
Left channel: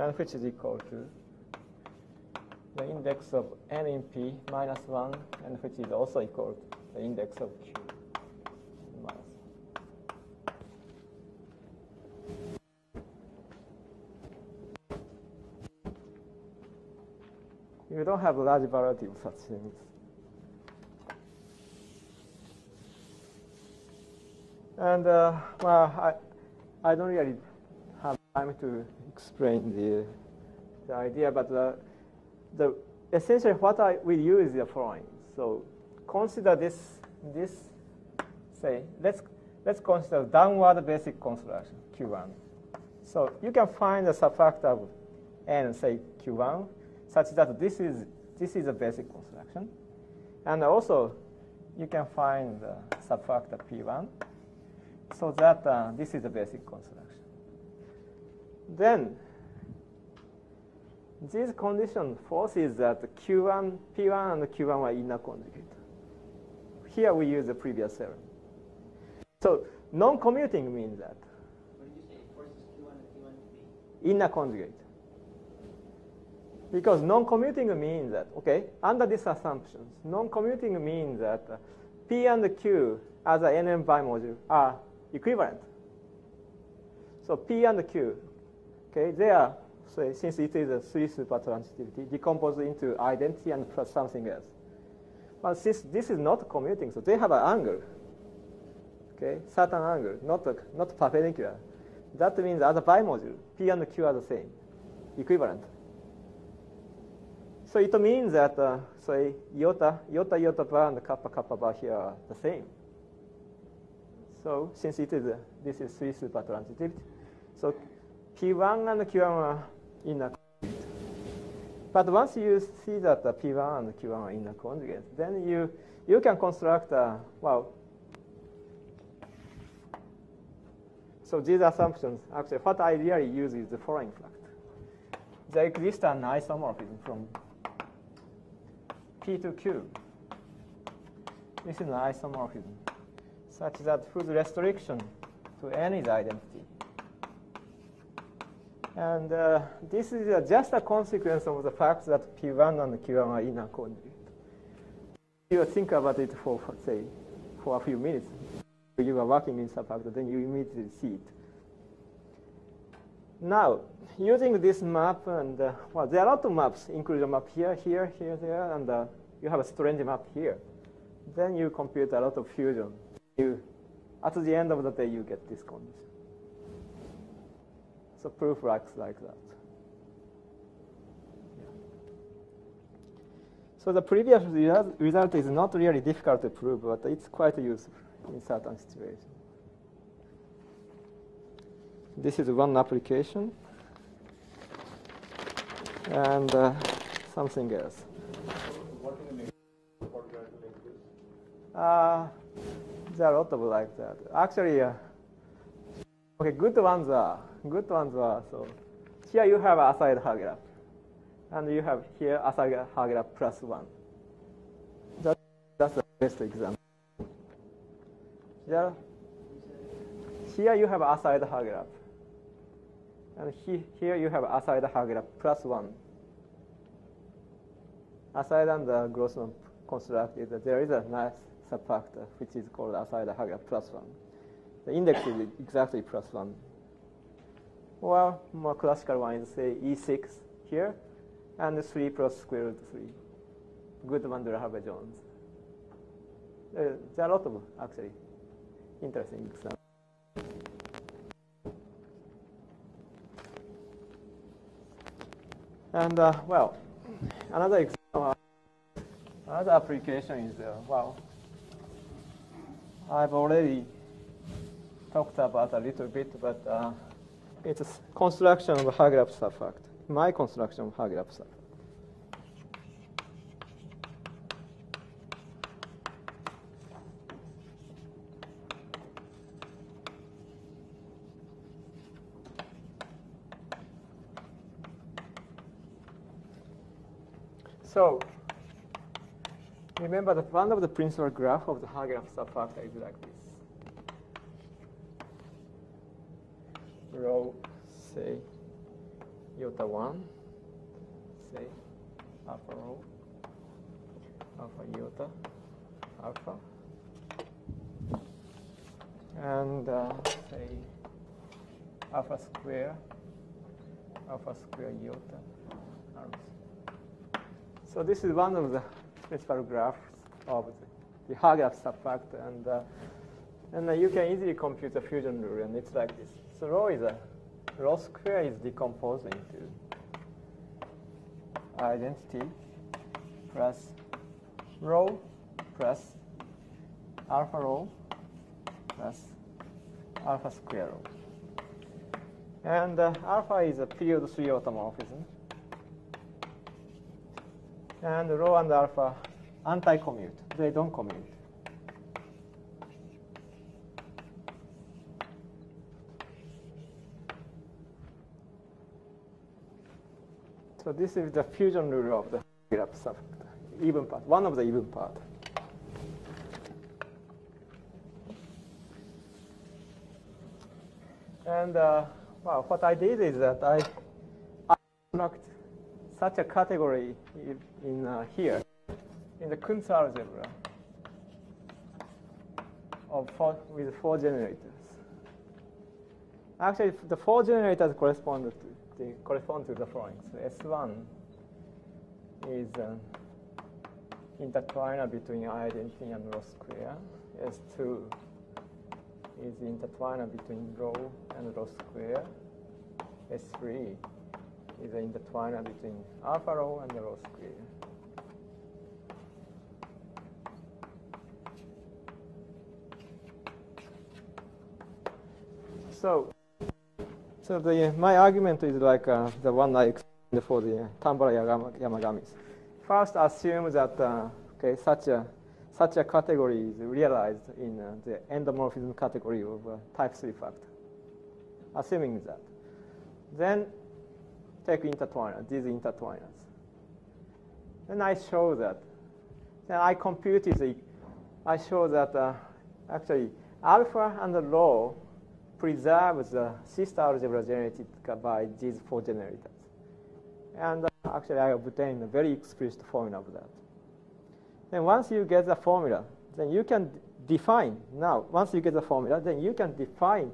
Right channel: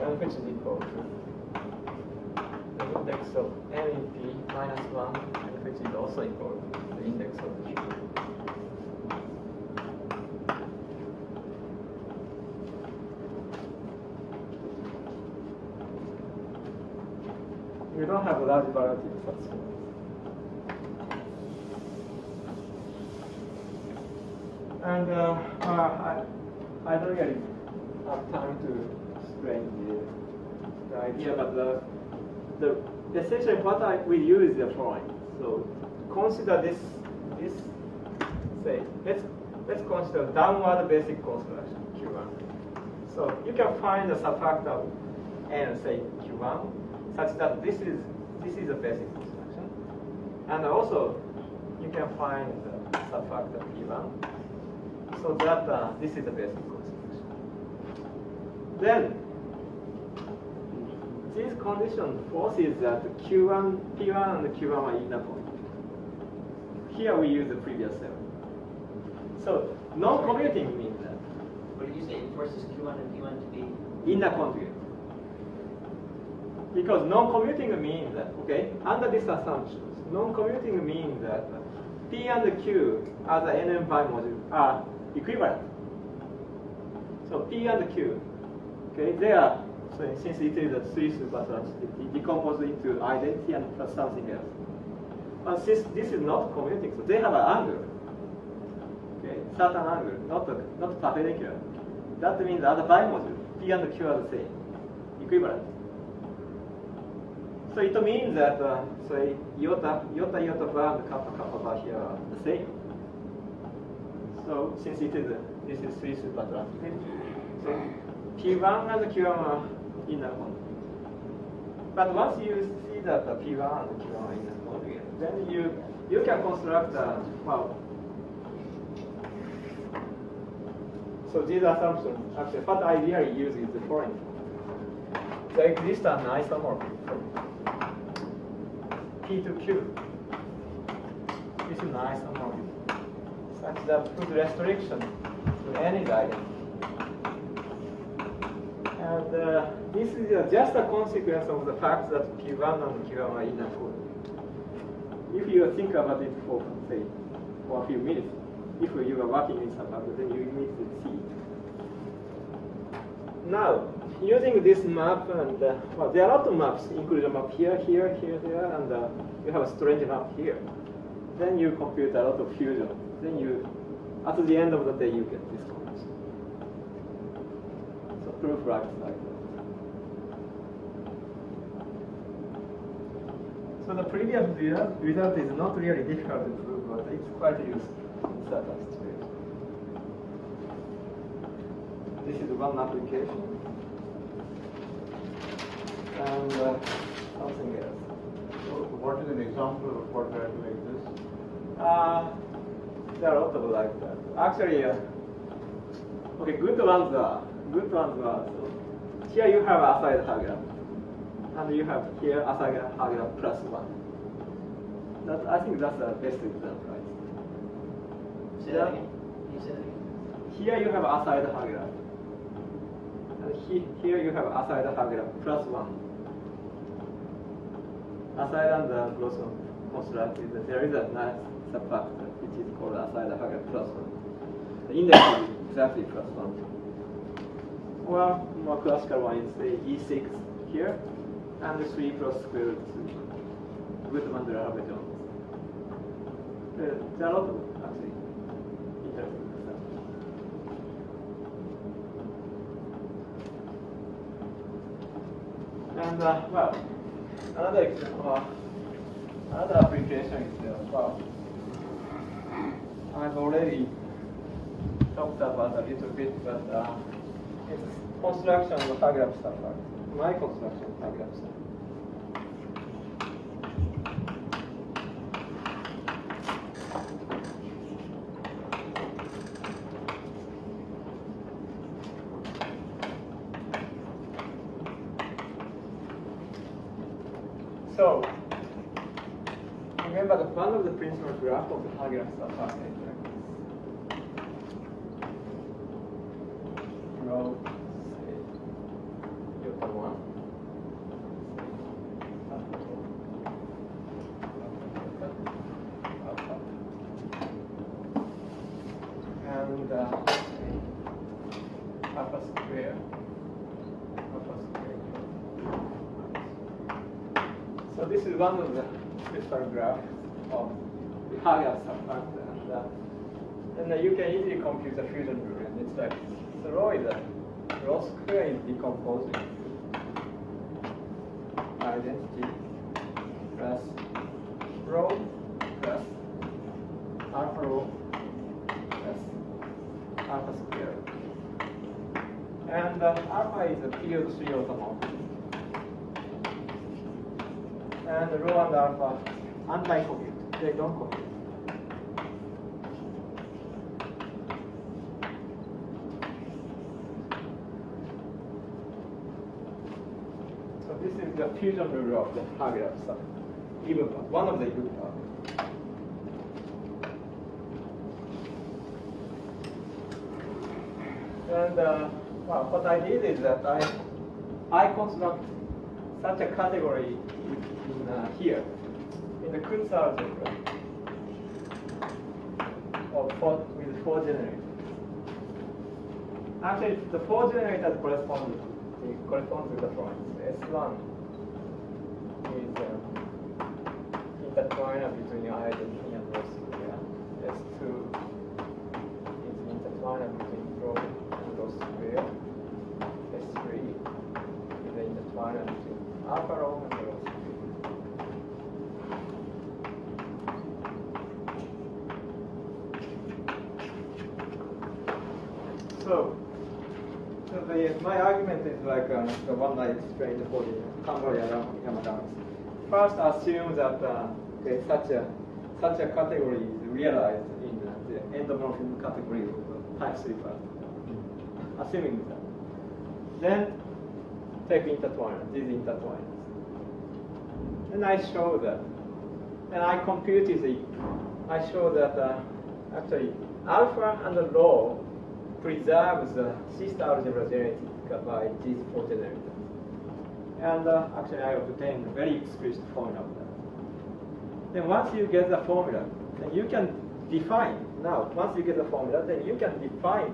And which is equal to the index of N in P minus 1, and which is also equal to the index of Q. You don't have a large variety of such things. And I don't really have time to explain the idea, but the essentially what we use is the following. So consider this say let's consider downward basic construction Q1. So you can find the subfactor of N, say Q1, such that this is a basic construction, and also you can find the subfactor P1, so that this is a basic construction. Then this condition forces that Q1, P1 and Q1 are inner conjugate. Here we use the previous theorem. So non-commuting means that. What did you say? It forces Q1 and P1 to be inner conjugate. Because non-commuting means that, okay, under these assumptions, non-commuting means that P and Q as an NM bimodule are equivalent. So P and Q, okay, they are, so since it is a three supertransitivity, decomposed into identity and plus something else. And since this is not commuting, so they have an angle, okay, certain angle, not perpendicular. that means as a bimodule, P and Q are the same, equivalent. So it means that so iota bar and kappa bar here are the same. So since this is 3 supertransitivity, so P1 and Q1 are inner conjugate. But once you see that the P1 and Q1 are inner conjugate, then you can construct so these assumptions, actually what I really use is the following. There exists an isomorphism from P to Q. This is an isomorphism such that whose restriction to any identity. And this is just a consequence of the fact that P1 and Q1 are inner conjugate. If you think about it for, say, for a few minutes, if you are working with a pattern, then you immediately see it. Now, using this map, and there are a lot of maps, including a map here, there, and you have a strange map here. Then you compute a lot of fusion. Then at the end of the day, you get this concept. So proof writes like that. So the previous result is not really difficult to prove, but it's quite useful in certain situations. This is one application, and something else. So what is an example of what like this? There are a lot of like that. Actually, okay, good ones are. So here you have aside Hager, and you have here aside Hager plus 1. I think that's the best example, right? Say that again. You say that again. Here you have aside Hager, and here you have aside Hager plus 1. Aside and the gross one constructed, there is a nice subfactor which is called aside Hager plus 1. The index is exactly plus 1. Or more classical one is say E6 here, and 3 plus square root 3. Goodman, Jones. There are a lot of actually interesting examples. And another application is I've already talked about a little bit, but it's a construction of a Hager subfactor. My construction of Hager subfactor. So, remember that one of the principal graph of the Hager subfactor is like this. Rho, say, iota 1, say, alpha rho, alpha iota, alpha. And say, alpha square iota. So this is one of the principal graphs of the Hager subfactor, and you can easily compute the fusion rule, and it's like so rho square is decomposing identity plus rho plus alpha rho plus alpha square, and alpha is a period 3 automorphism. And rho and alpha anti-commute. They don't commute. So this is the fusion rule of the Hager subfactor, even part, one of the even part. And what I did is that I construct such a category in here, in the Kuntz algebra, with 4 generators. Actually, the 4 generators correspond to the following. S1 is intertwiner between identity and rho square. S2 is intertwiner between rho and rho squared S3 is the intertwiner between alpha rho and rho squared. So my argument is like the one I explained for the Tambara-Yamadamis. First, assume that such a category is realized in the endomorphism category of type 3 factor. Assuming that, then take intertwiners, these intertwiners. Then I show that. Then I computed I show that actually alpha and rho preserves the sister algebra genetic by these four generators. And actually I obtained a very explicit formula of that. Then once you get the formula, then you can define, once you get the formula, then you can define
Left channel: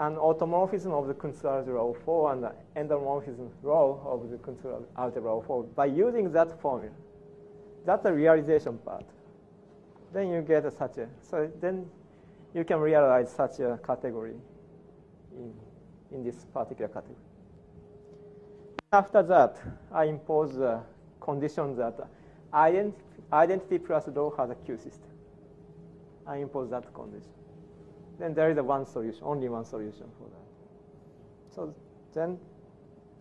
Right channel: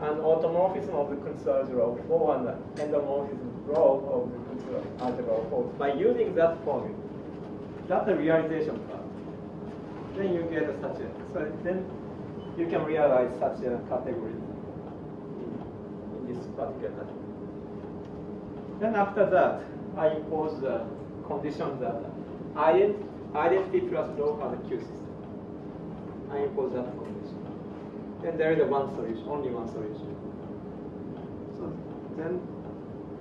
an automorphism of the control algebra of 4 and the endomorphism rho of the control algebra of 4 by using that formula. That's the realization part. Then you get such a, so then you can realize such a category in this particular category. Then after that, I impose the condition that identity plus rho has a Q system. I impose that condition. And there is one solution, only one solution. So then,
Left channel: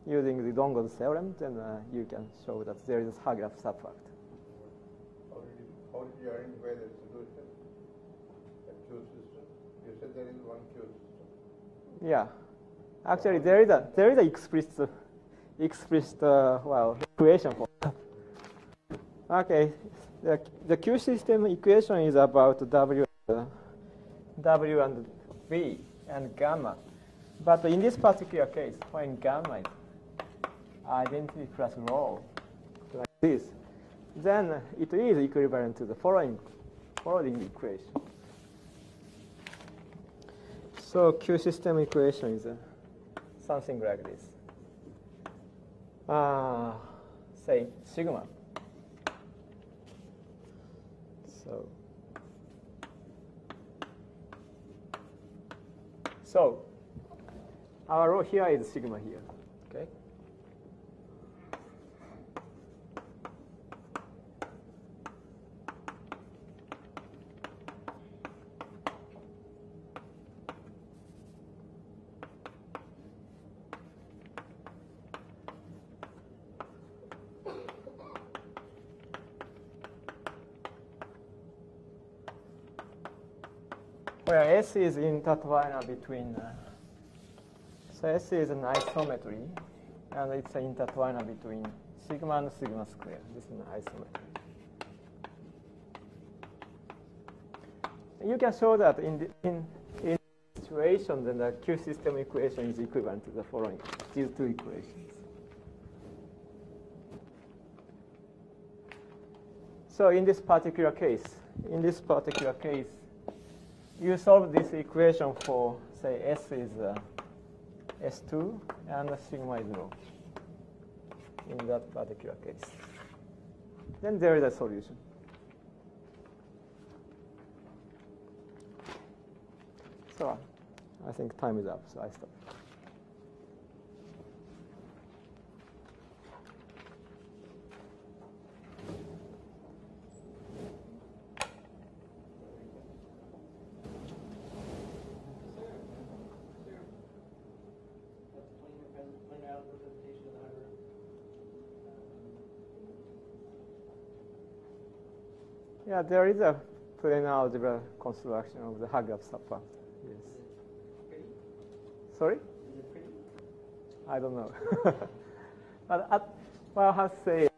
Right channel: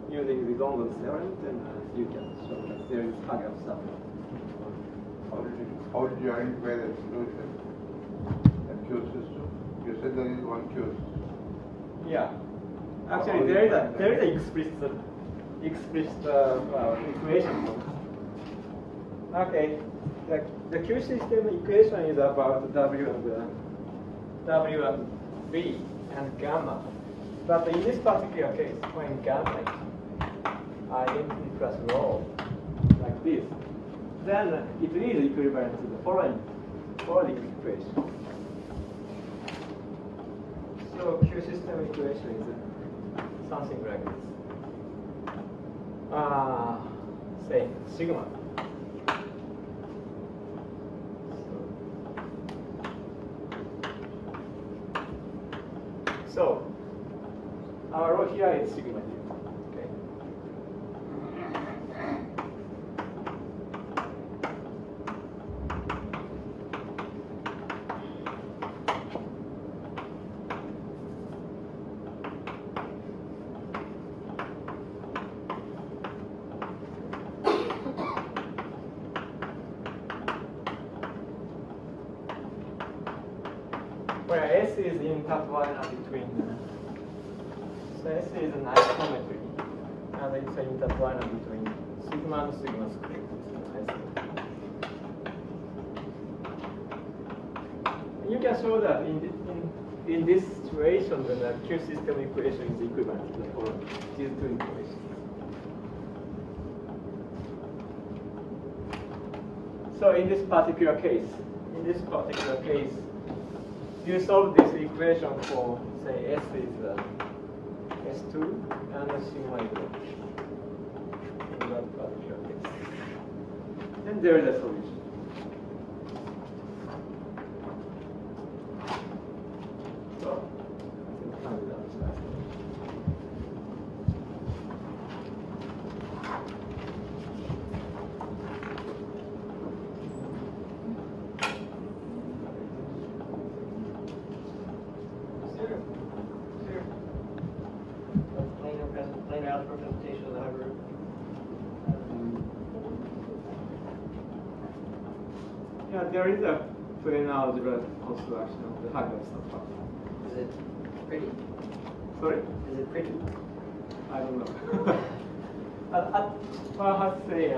using the Longo's theorem, then you can show that there is Hager subfact. How did you identify that solution? That Q system? You said there is one Q system. Yeah. Actually, there is a explicit equation for that. Okay. The Q system equation is about W and V and gamma. But in this particular case, when gamma is identity plus rho, like this, then it is equivalent to the following equation. So Q system equation is something like this. Say sigma. So our rho here is sigma here. Okay. Where S is intertwiner between, so S is an isometry, and it's an intertwiner between sigma and sigma squared. It's an isometry. You can show that in this situation, the Q system equation is equivalent to the following, these two equations. So in this particular case, you solve this equation for, say, S is S2 and sigma is rho in that particular case. Then there is a solution. So I think time is up. So I think. Planar algebra presentation of the hybrid. Yeah, there is a planar algebra construction of the Hager subfact. Is it pretty? Sorry? Is it pretty? I don't know. I have to say,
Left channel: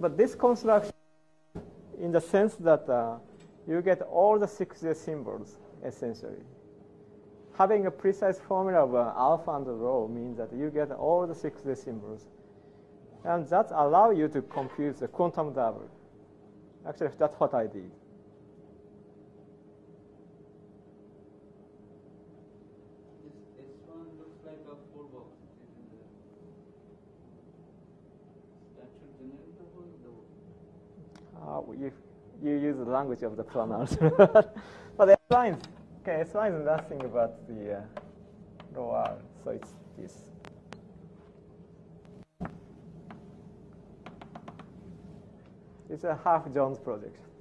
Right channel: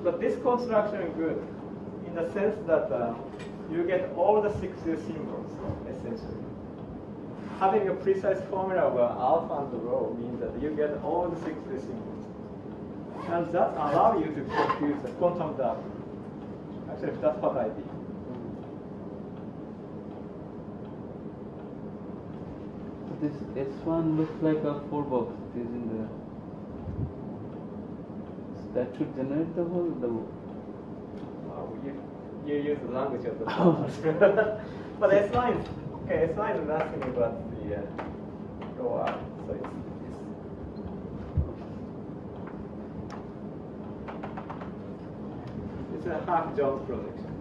but this construction is good in the sense that you get all the 6 symbols, essentially. Having a precise formula of alpha and rho means that you get all the 6 symbols. And that allows you to compute the quantum double. Actually, that's what I did. This S1 looks like a 4 box. It is in the. That should generate the whole. You use the language of the class. But that's fine. Okay, so I'm asking about the OR. So it's this. It's a half Jones projection.